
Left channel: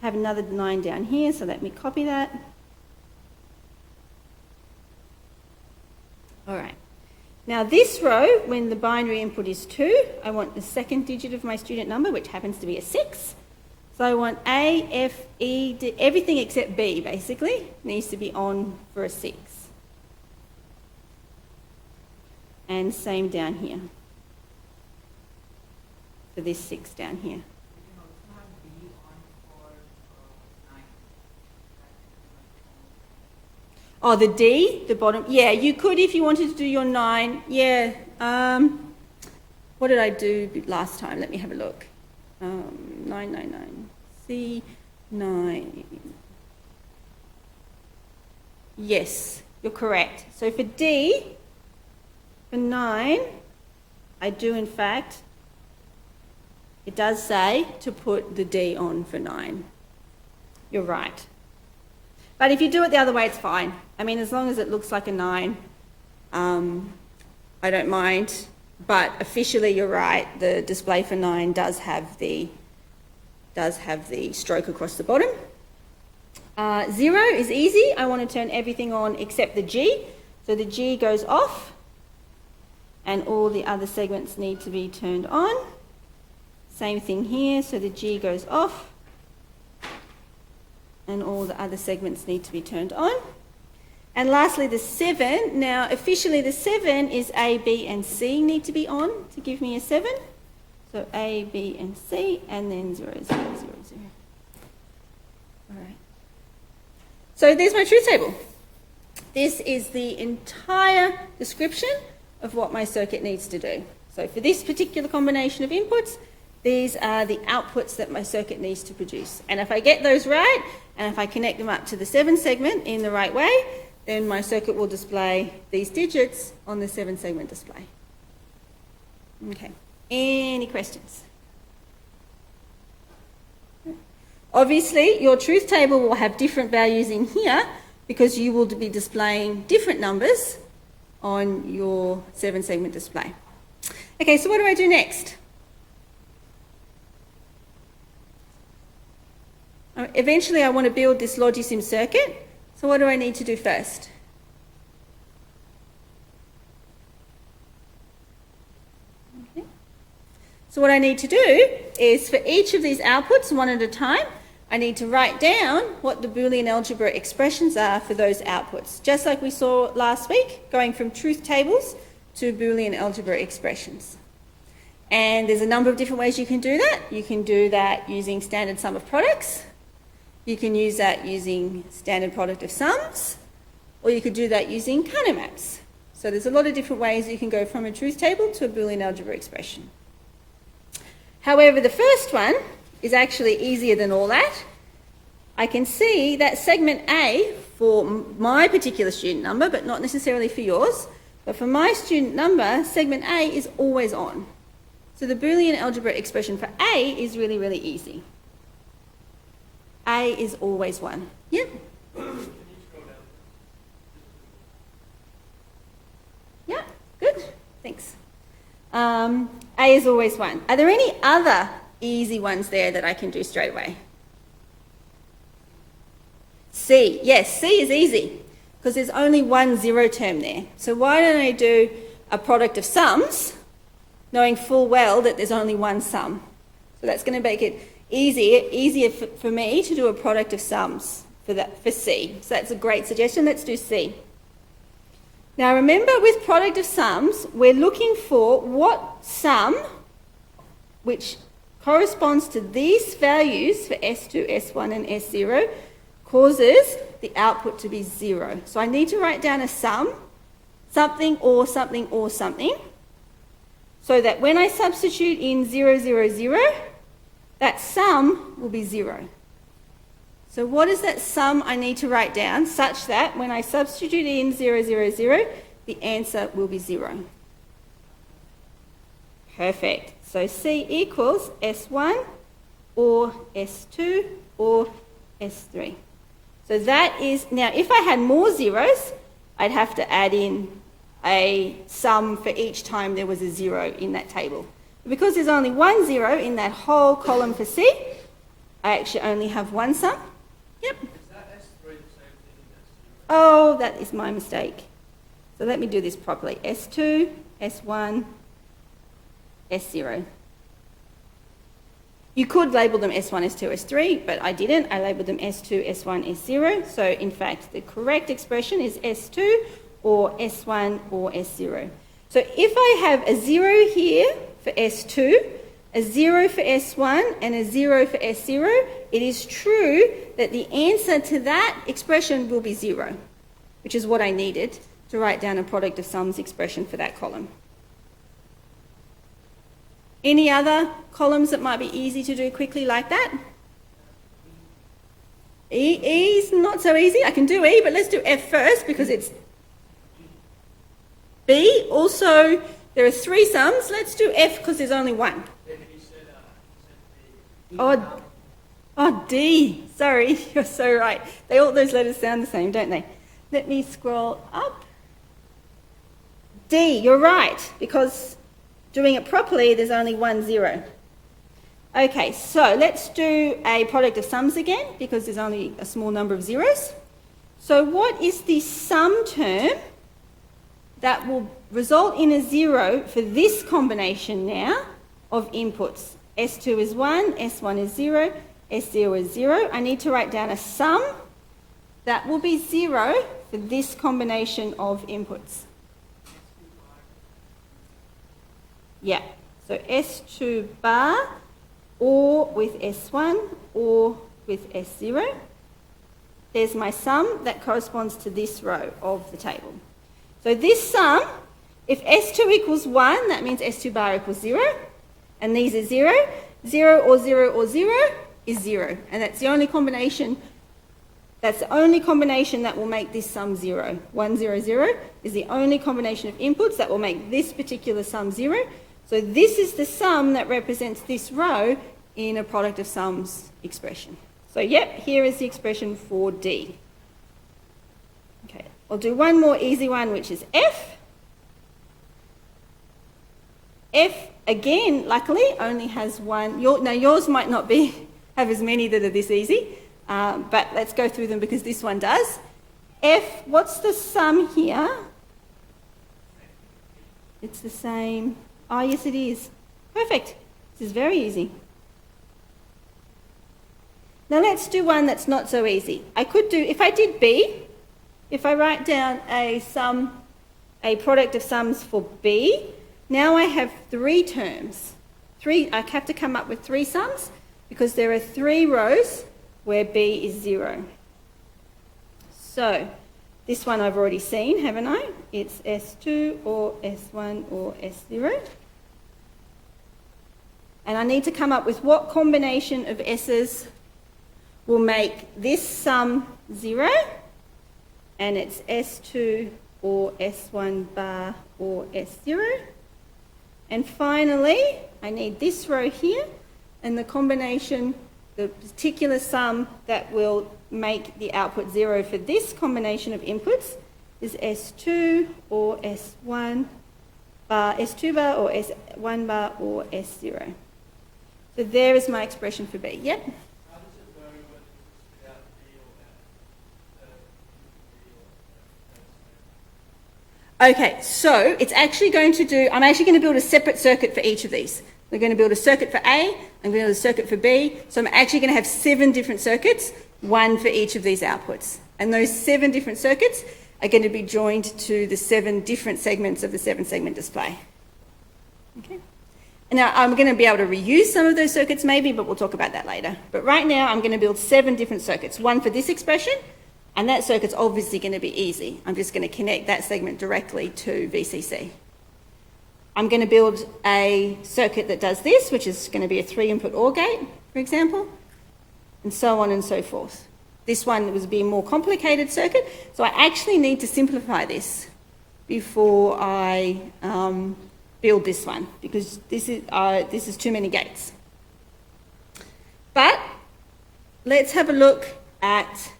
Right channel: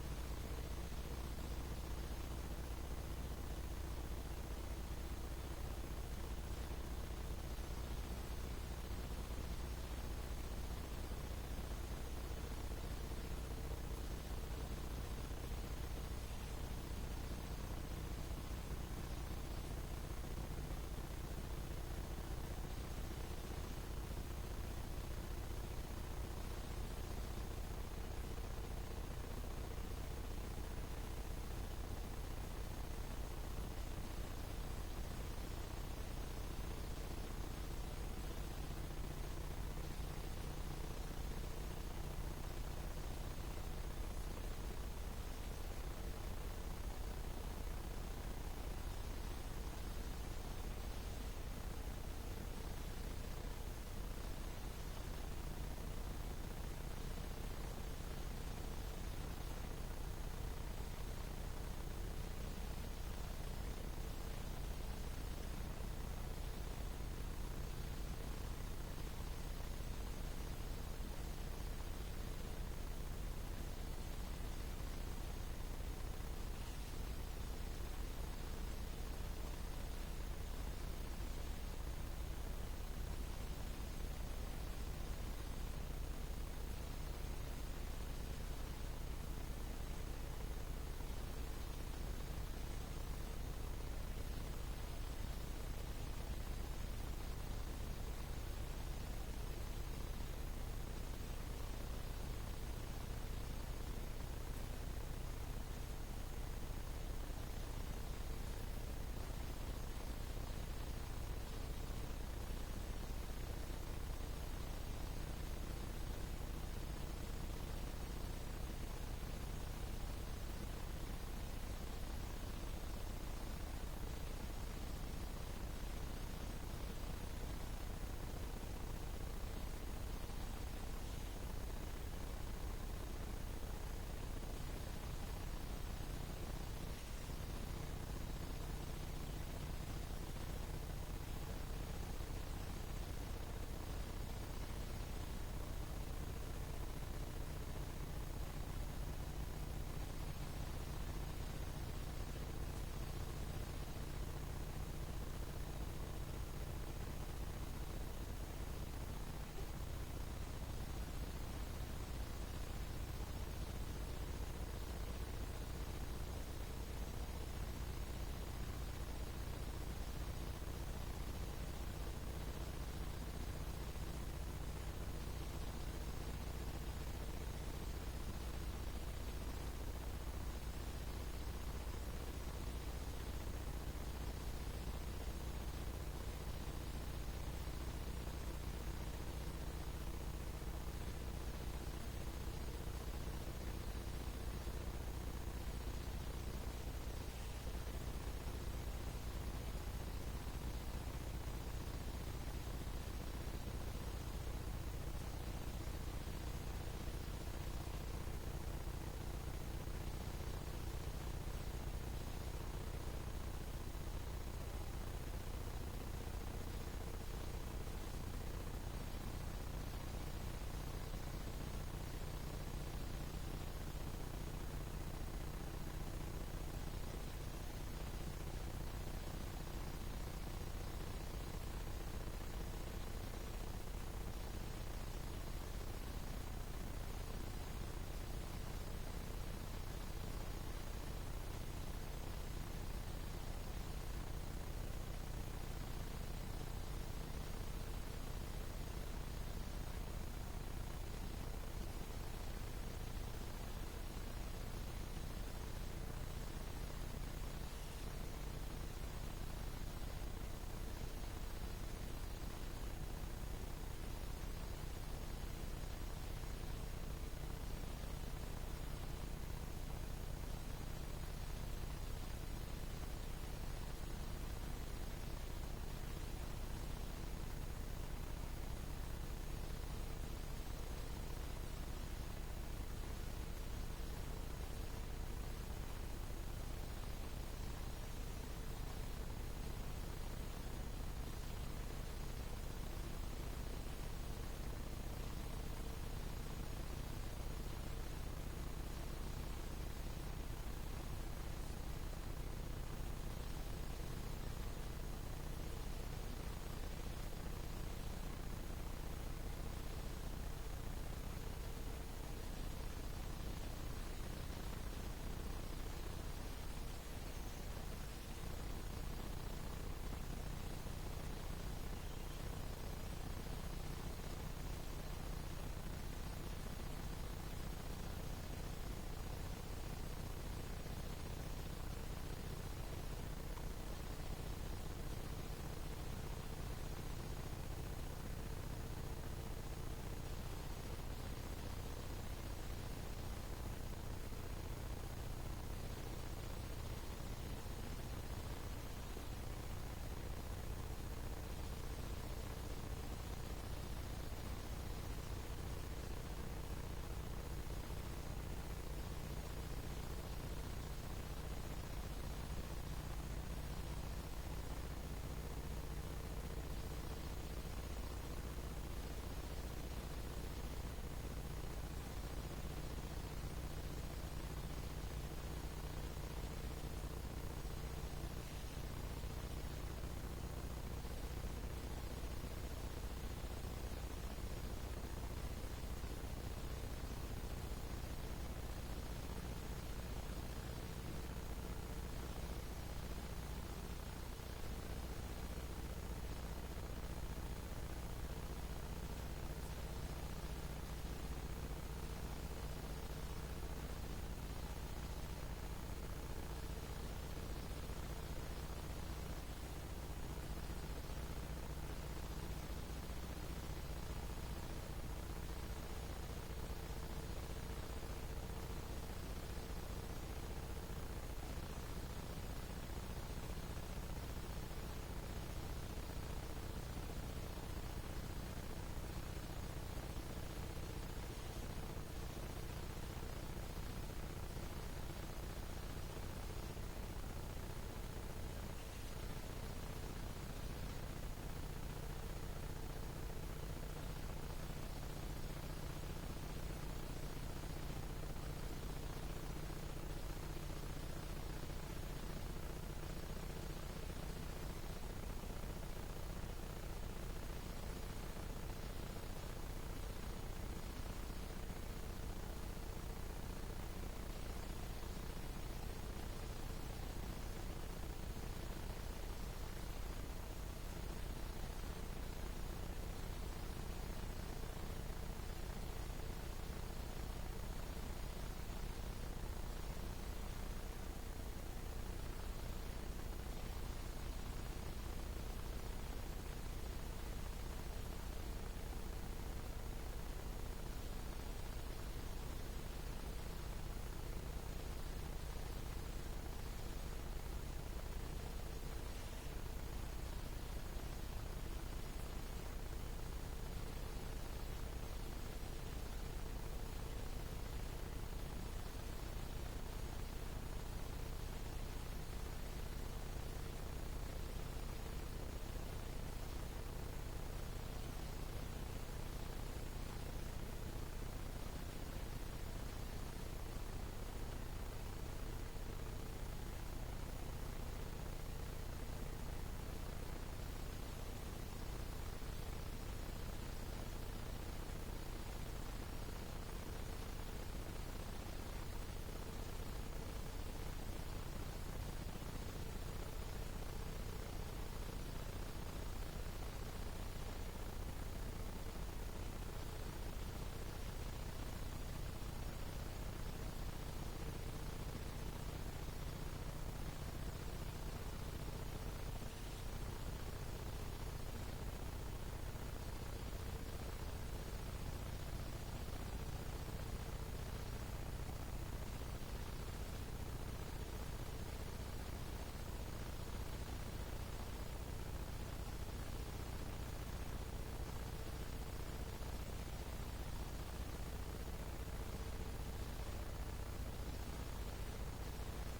I have another 9 down here, so let me copy that. All right. Now this row, when the binary input is 2, I want the second digit of my student number, which happens to be a 6. So I want A, F, E, D, everything except B, basically, needs to be on for a 6. And same down here, for this 6 down here. Oh, the D, the bottom. Yeah, you could if you wanted to do your 9. Yeah. What did I do last time? Let me have a look. 999. C, 9. Yes, you're correct. So for D, for 9, I do in fact, it does say to put the D on for 9. You're right. But if you do it the other way, it's fine. I mean, as long as it looks like a 9, I don't mind. But officially, you're right. The display for 9 does have the stroke across the bottom. 0 is easy. I want to turn everything on except the G. So the G goes off, and all the other segments need to be turned on. Same thing here. So the G goes off, and all the other segments need to be turned on. And lastly, the 7. Now, officially, the 7 is A, B, and C need to be on to give me a 7. So A, B, and C, and then 0, 0, 0, 0. All right. So there's my truth table. This is the entire description of what my circuit needs to do. So for this particular combination of inputs, these are the outputs that my circuit needs to produce. And if I get those right, and if I connect them up to the 7 segment in the right way, then my circuit will display these digits on the 7-segment display. Okay, any questions? Obviously, your truth table will have different values in here because you will be displaying different numbers on your 7-segment display. Okay, so what do I do next? Eventually I want to build this logisim circuit. So what do I need to do first? Okay. So what I need to do is for each of these outputs, one at a time, I need to write down what the Boolean algebra expressions are for those outputs. Just like we saw last week, going from truth tables to Boolean algebra expressions. And there's a number of different ways you can do that. You can do that using standard sum of products. You can use that using standard product of sums, or you could do that using countermaps. So there's a lot of different ways you can go from a truth table to a Boolean algebra expression. However, the first one is actually easier than all that. I can see that segment A for my particular student number, but not necessarily for yours, but for my student number, segment A is always on. So the Boolean algebra expression for A is really, really easy. A is always 1. Yep. Yeah, good. Thanks. A is always 1. Are there any other easy ones there that I can do straight away? C. Yes, C is easy because there's only one 0 term there. So why don't I do a product of sums, knowing full well that there's only one sum? So that's going to make it easier for me to do a product of sums for C. So that's a great suggestion. Let's do C. Now remember, with product of sums, we're looking for what sum which corresponds to these values for S2, S1 and S0 causes the output to be 0. So I need to write down a sum, something or something or something, so that when I substitute in 0, 0, 0, that sum will be 0. So what is that sum I need to write down such that when I substitute in 0, 0, 0, the answer will be 0? Perfect. So C equals S1 or S2 or S3. So that is, now if I had more zeros, I'd have to add in a sum for each time there was a 0 in that table. Because there's only one 0 in that whole column for C, I actually only have one sum. Yep. Oh, that is my mistake. So let me do this properly. S2, S1, S0. You could label them S1, S2, S3, but I didn't. I labelled them S2, S1, S0. So in fact, the correct expression is S2 or S1 or S0. So if I have a 0 here for S2, a 0 for S1 and a 0 for S0, it is true that the answer to that expression will be 0, which is what I needed to write down a product of sums expression for that column. Any other columns that might be easy to do quickly like that? E is not so easy. I can do E, but let's do F first because it's B. Also, there are 3 sums. Let's do F because there's only one. Oh, D. Sorry, you're so right. All those letters sound the same, don't they? Let me scroll up. D, you're right, because doing it properly, there's only one 0. Okay, so let's do a product of sums again, because there's only a small number of zeros. So what is the sum term that will result in a 0 for this combination now of inputs? S2 is 1, S1 is 0, S0 is 0. I need to write down a sum that will be 0 for this combination of inputs. Yeah, so S2 bar or with S1 or with S0. There's my sum that corresponds to this row of the table. So this sum, if S2 equals 1, that means S2 bar equals 0, and these are 0. 0 or 0 or 0 is 0, and that's the only combination. That's the only combination that will make this sum 0. 1, 0, 0 is the only combination of inputs that will make this particular sum 0. So this is the sum that represents this row in a product of sums expression. So yep, here is the expression for D. Okay, I'll do one more easy one, which is F. F, again, luckily, only has one. Now yours might not have as many that are this easy, but let's go through them because this one does. F, what's the sum here? It's the same. Oh, yes, it is. Perfect. This is very easy. Now let's do one that's not so easy. I could do, if I did B, if I write down a product of sums for B, now I have 3 terms. I have to come up with 3 sums because there are 3 rows where B is 0. So this one I've already seen, haven't I? It's S2 or S1 or S0. And I need to come up with what combination of S's will make this sum 0, and it's S2 or S1 bar or S0. And finally, I need this row here, and the combination, the particular sum that will make the output 0 for this combination of inputs is S2 or S1 bar, S2 bar or S1 bar or S0. So there is my expression for B. Yep. Okay, so it's actually going to do, I'm actually going to build a separate circuit for each of these. We're going to build a circuit for A, I'm going to build a circuit for B, so I'm actually going to have 7 different circuits, 1 for each of these outputs. And those 7 different circuits are going to be joined to the 7 different segments of the 7-segment display. Okay. And now I'm going to be able to reuse some of those circuits maybe, but we'll talk about that later. But right now I'm going to build 7 different circuits, 1 for this expression, and that circuit's obviously going to be easy. I'm just going to connect that segment directly to VCC. I'm going to build a circuit that does this, which is going to be a 3-input OR gate, for example, and so on and so forth. This one was being a more complicated circuit, so I actually need to simplify this before I build this one, because this is too many gates. But let's have a look at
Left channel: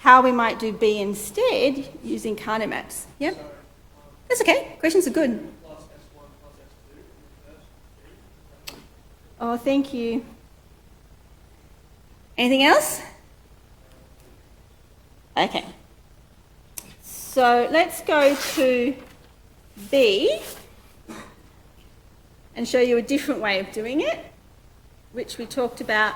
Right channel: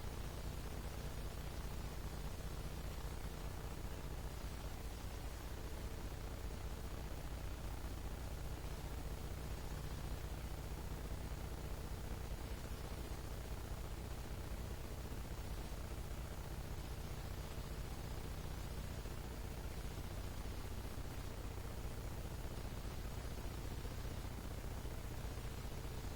how we might do B instead using Carnot maps. Yep? That's okay. Questions are good. Oh, thank you. Anything else? Okay. So let's go to B and show you a different way of doing it, which we talked about.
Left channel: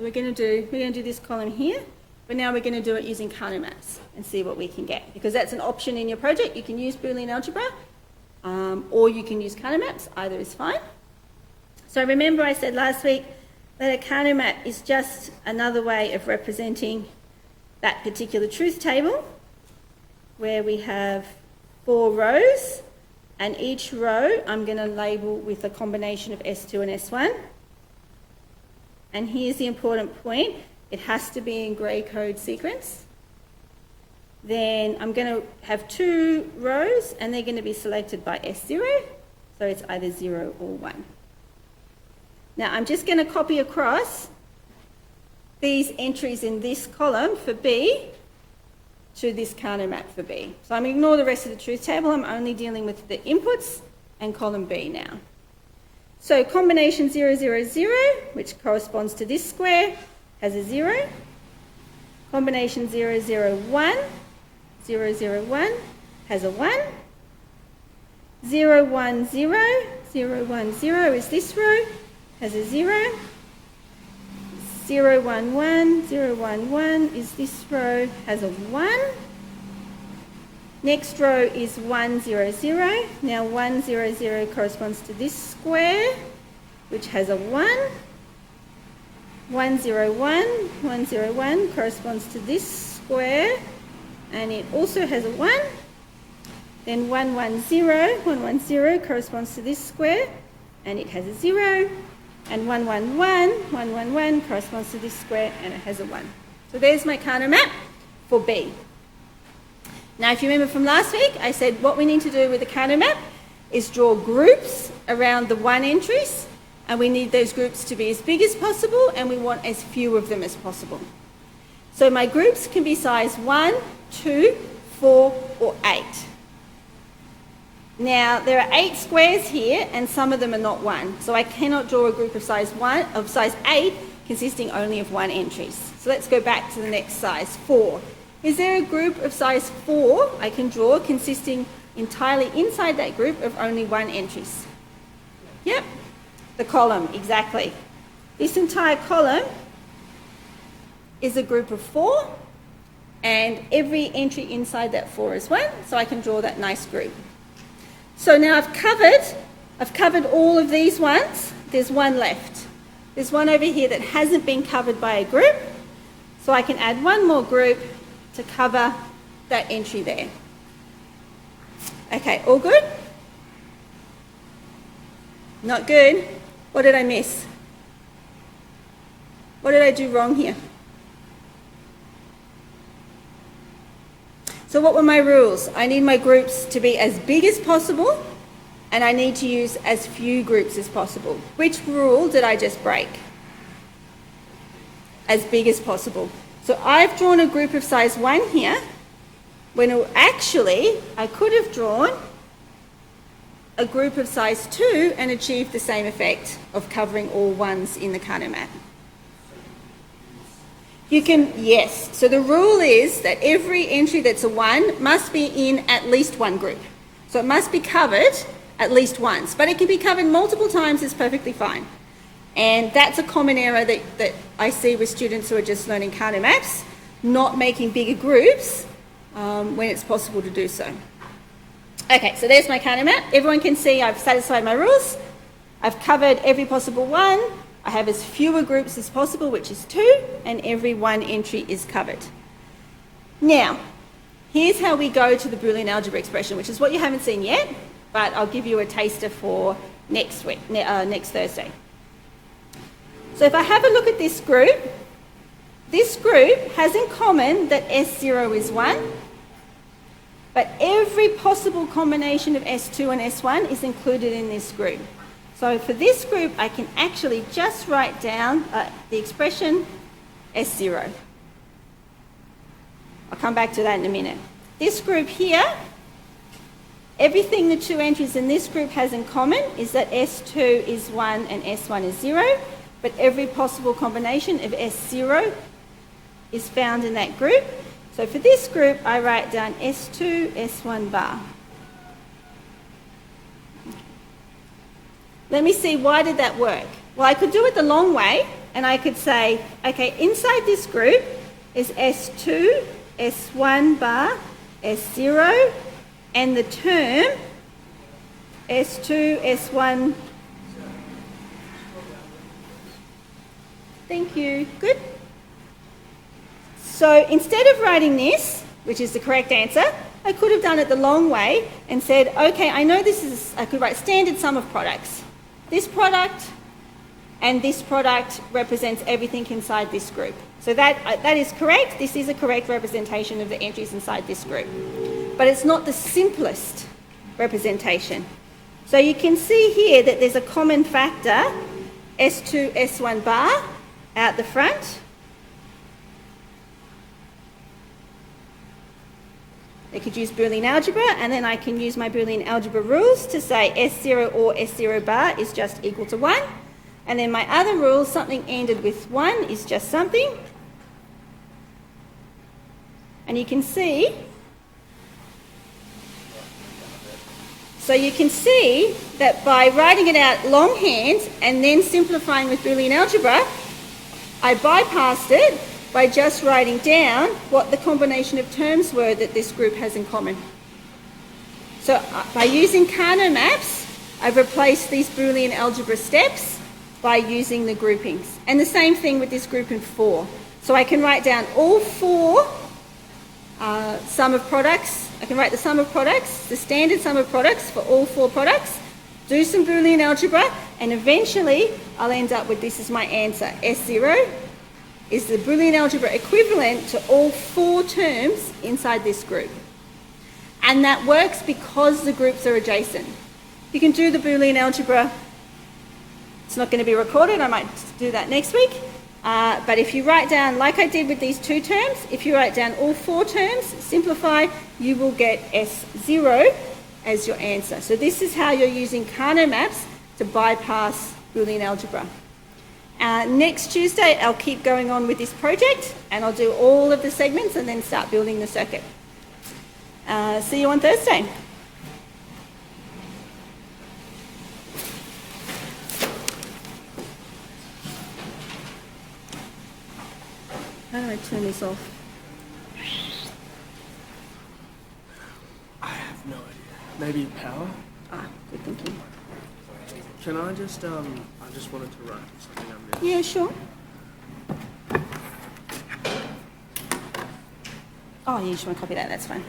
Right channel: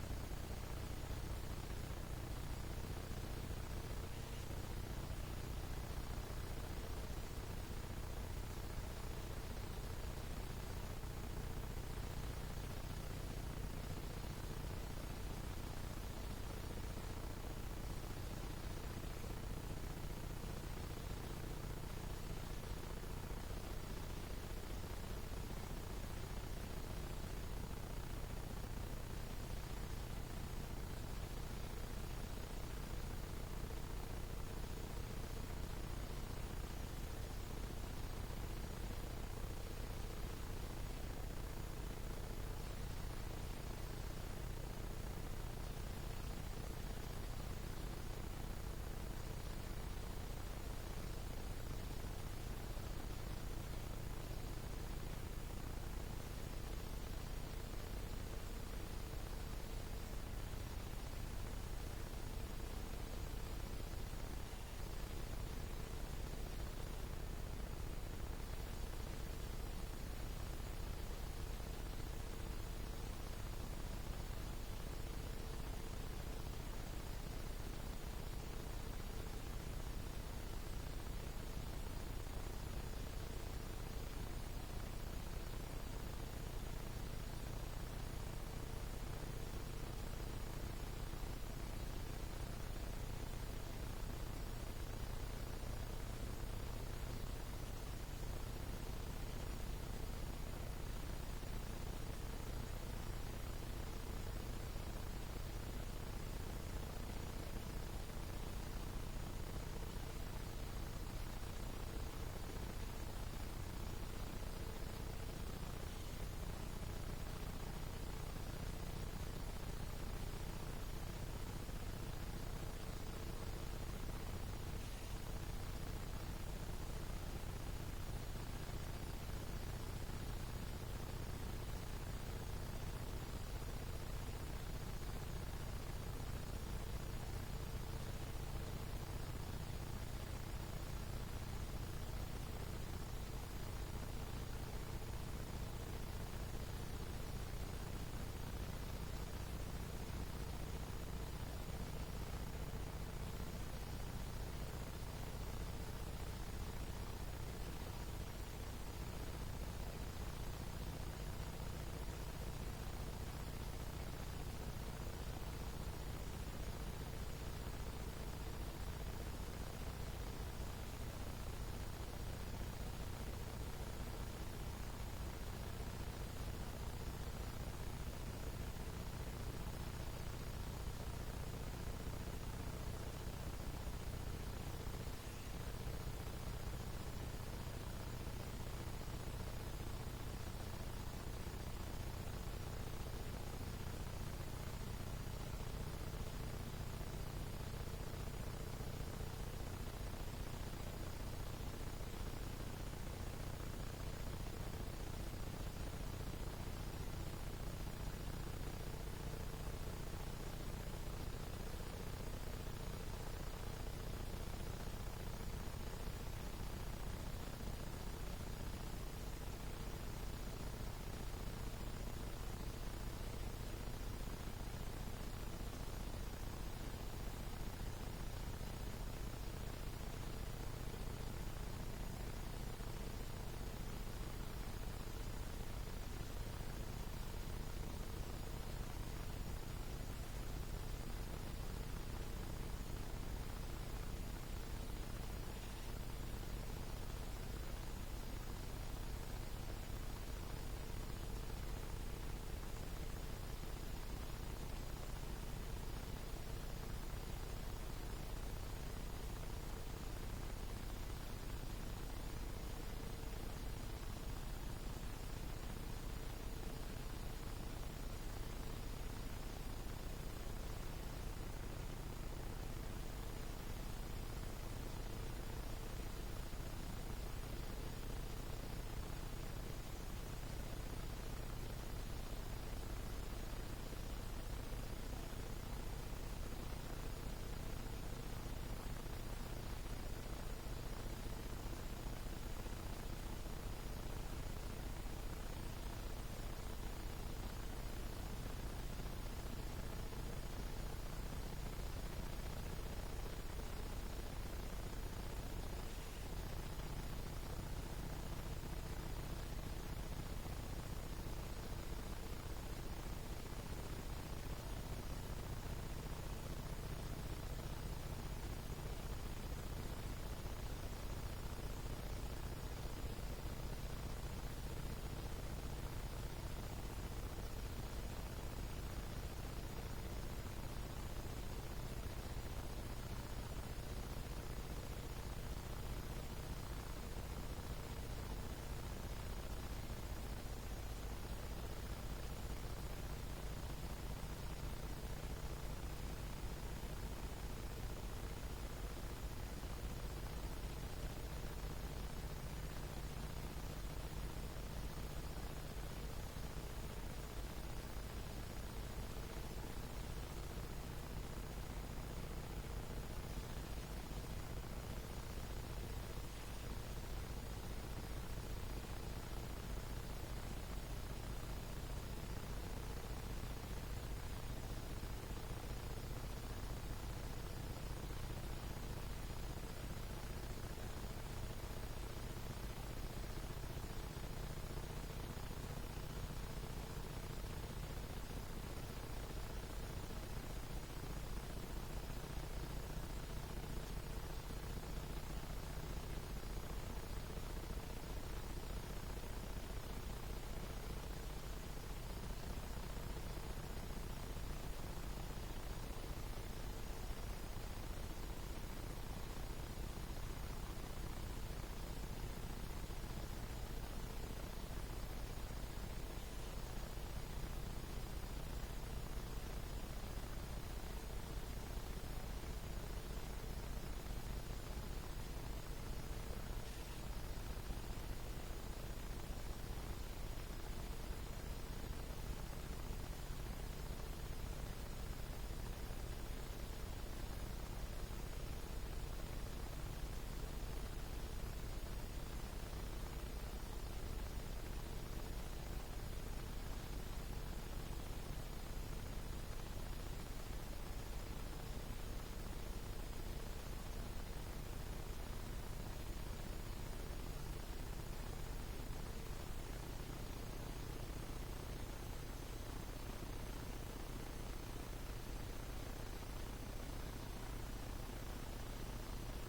We're going to do this column here, but now we're going to do it using Carnot maps and see what we can get, because that's an option in your project. You can use Boolean algebra, or you can use Carnot maps. Either is fine. So remember I said last week that a Carnot map is just another way of representing that particular truth table, where we have 4 rows, and each row I'm going to label with a combination of S2 and S1. And here's the important point. It has to be in grey code sequence. Then I'm going to have 2 rows, and they're going to be selected by S0, so it's either 0 or 1. Now I'm just going to copy across these entries in this column for B to this Carnot map for B. So I'm going to ignore the rest of the truth table. I'm only dealing with the inputs and column B now. So combination 0, 0, 0, which corresponds to this square, has a 0. Combination 0, 0, 1, 0, 0, 1 has a 1. 0, 1, 0, 0, 1, 0 is this row, has a 0. 0, 1, 1, 0, 1, 1 is this row, has a 1. Next row is 1, 0, 0. Now 1, 0, 0 corresponds to this square, which has a 1. 1, 0, 1, 1, 0, 1 corresponds to this square, and it also has a 1. Then 1, 1, 0, 1, 1, 0 corresponds to this square, and it has a 0. And 1, 1, 1, 1, 1, 1 corresponds to this square, and it has a 1. So there's my Carnot map for B. Now, if you remember from last week, I said what we need to do with the Carnot map is draw groups around the 1 entries, and we need those groups to be as big as possible, and we want as few of them as possible. So my groups can be size 1, 2, 4, or 8. Now, there are 8 squares here, and some of them are not 1. So I cannot draw a group of size 8 consisting only of 1 entries. So let's go back to the next size, 4. Is there a group of size 4 I can draw consisting entirely inside that group of only 1 entries? Yep, the column, exactly. This entire column is a group of 4, and every entry inside that 4 is 1, so I can draw that nice group. So now I've covered all of these ones. There's one left. There's one over here that hasn't been covered by a group, so I can add one more group to cover that entry there. Okay, all good? Not good. What did I miss? What did I do wrong here? So what were my rules? I need my groups to be as big as possible, and I need to use as few groups as possible. Which rule did I just break? As big as possible. So I've drawn a group of size 1 here, when actually I could have drawn a group of size 2 and achieved the same effect of covering all ones in the Kano map. Yes, so the rule is that every entry that's a 1 must be in at least one group. So it must be covered at least once, but it can be covered multiple times, it's perfectly fine. And that's a common error that I see with students who are just learning Kano maps, not making bigger groups when it's possible to do so. Okay, so there's my Kano map. Everyone can see I've satisfied my rules. I've covered every possible one. I have as fewer groups as possible, which is 2, and every 1 entry is covered. Now, here's how we go to the Boolean algebra expression, which is what you haven't seen yet, but I'll give you a taster for next Thursday. So if I have a look at this group has in common that S0 is 1, but every possible combination of S2 and S1 is included in this group. So for this group, I can actually just write down the expression S0. I'll come back to that in a minute. This group here, everything the 2 entries in this group has in common is that S2 is 1 and S1 is 0, but every possible combination of S0 is found in that group. So for this group, I write down S2, S1 bar. Let me see, why did that work? Well, I could do it the long way, and I could say, okay, inside this group is S2, S1 bar, S0, and the term S2, S1. Thank you. Good. So instead of writing this, which is the correct answer, I could have done it the long way and said, okay, I know this is, I could write standard sum of products. This product and this product represents everything inside this group. So that is correct. This is a correct representation of the entries inside this group. But it's not the simplest representation. So you can see here that there's a common factor, S2, S1 bar out the front. I could use Boolean algebra, and then I can use my Boolean algebra rules to say S0 or S0 bar is just equal to 1. And then my other rule, something ended with 1 is just something. And you can see, so you can see that by writing it out longhand and then simplifying with Boolean algebra, I bypassed it by just writing down what the combination of terms were that this group has in common. So by using Kano maps, I've replaced these Boolean algebra steps by using the groupings. And the same thing with this group in 4. So I can write down all 4 sum of products. I can write the sum of products, the standard sum of products for all 4 products, do some Boolean algebra, and eventually I'll end up with this as my answer. S0 is the Boolean algebra equivalent to all 4 terms inside this group. And that works because the groups are adjacent. You can do the Boolean algebra. It's not going to be recorded. I might do that next week. But if you write down, like I did with these 2 terms, if you write down all 4 terms, simplify, you will get S0 as your answer. So this is how you're using Kano maps to bypass Boolean algebra. Next Tuesday, I'll keep going on with this project and I'll do all of the segments and then start building the circuit. See you on Thursday. How do I turn this off? I have no idea. Maybe power? Good thinking. Can I just, I just wanted to write something down there. Yeah, sure. Oh, you just want to copy that, that's fine.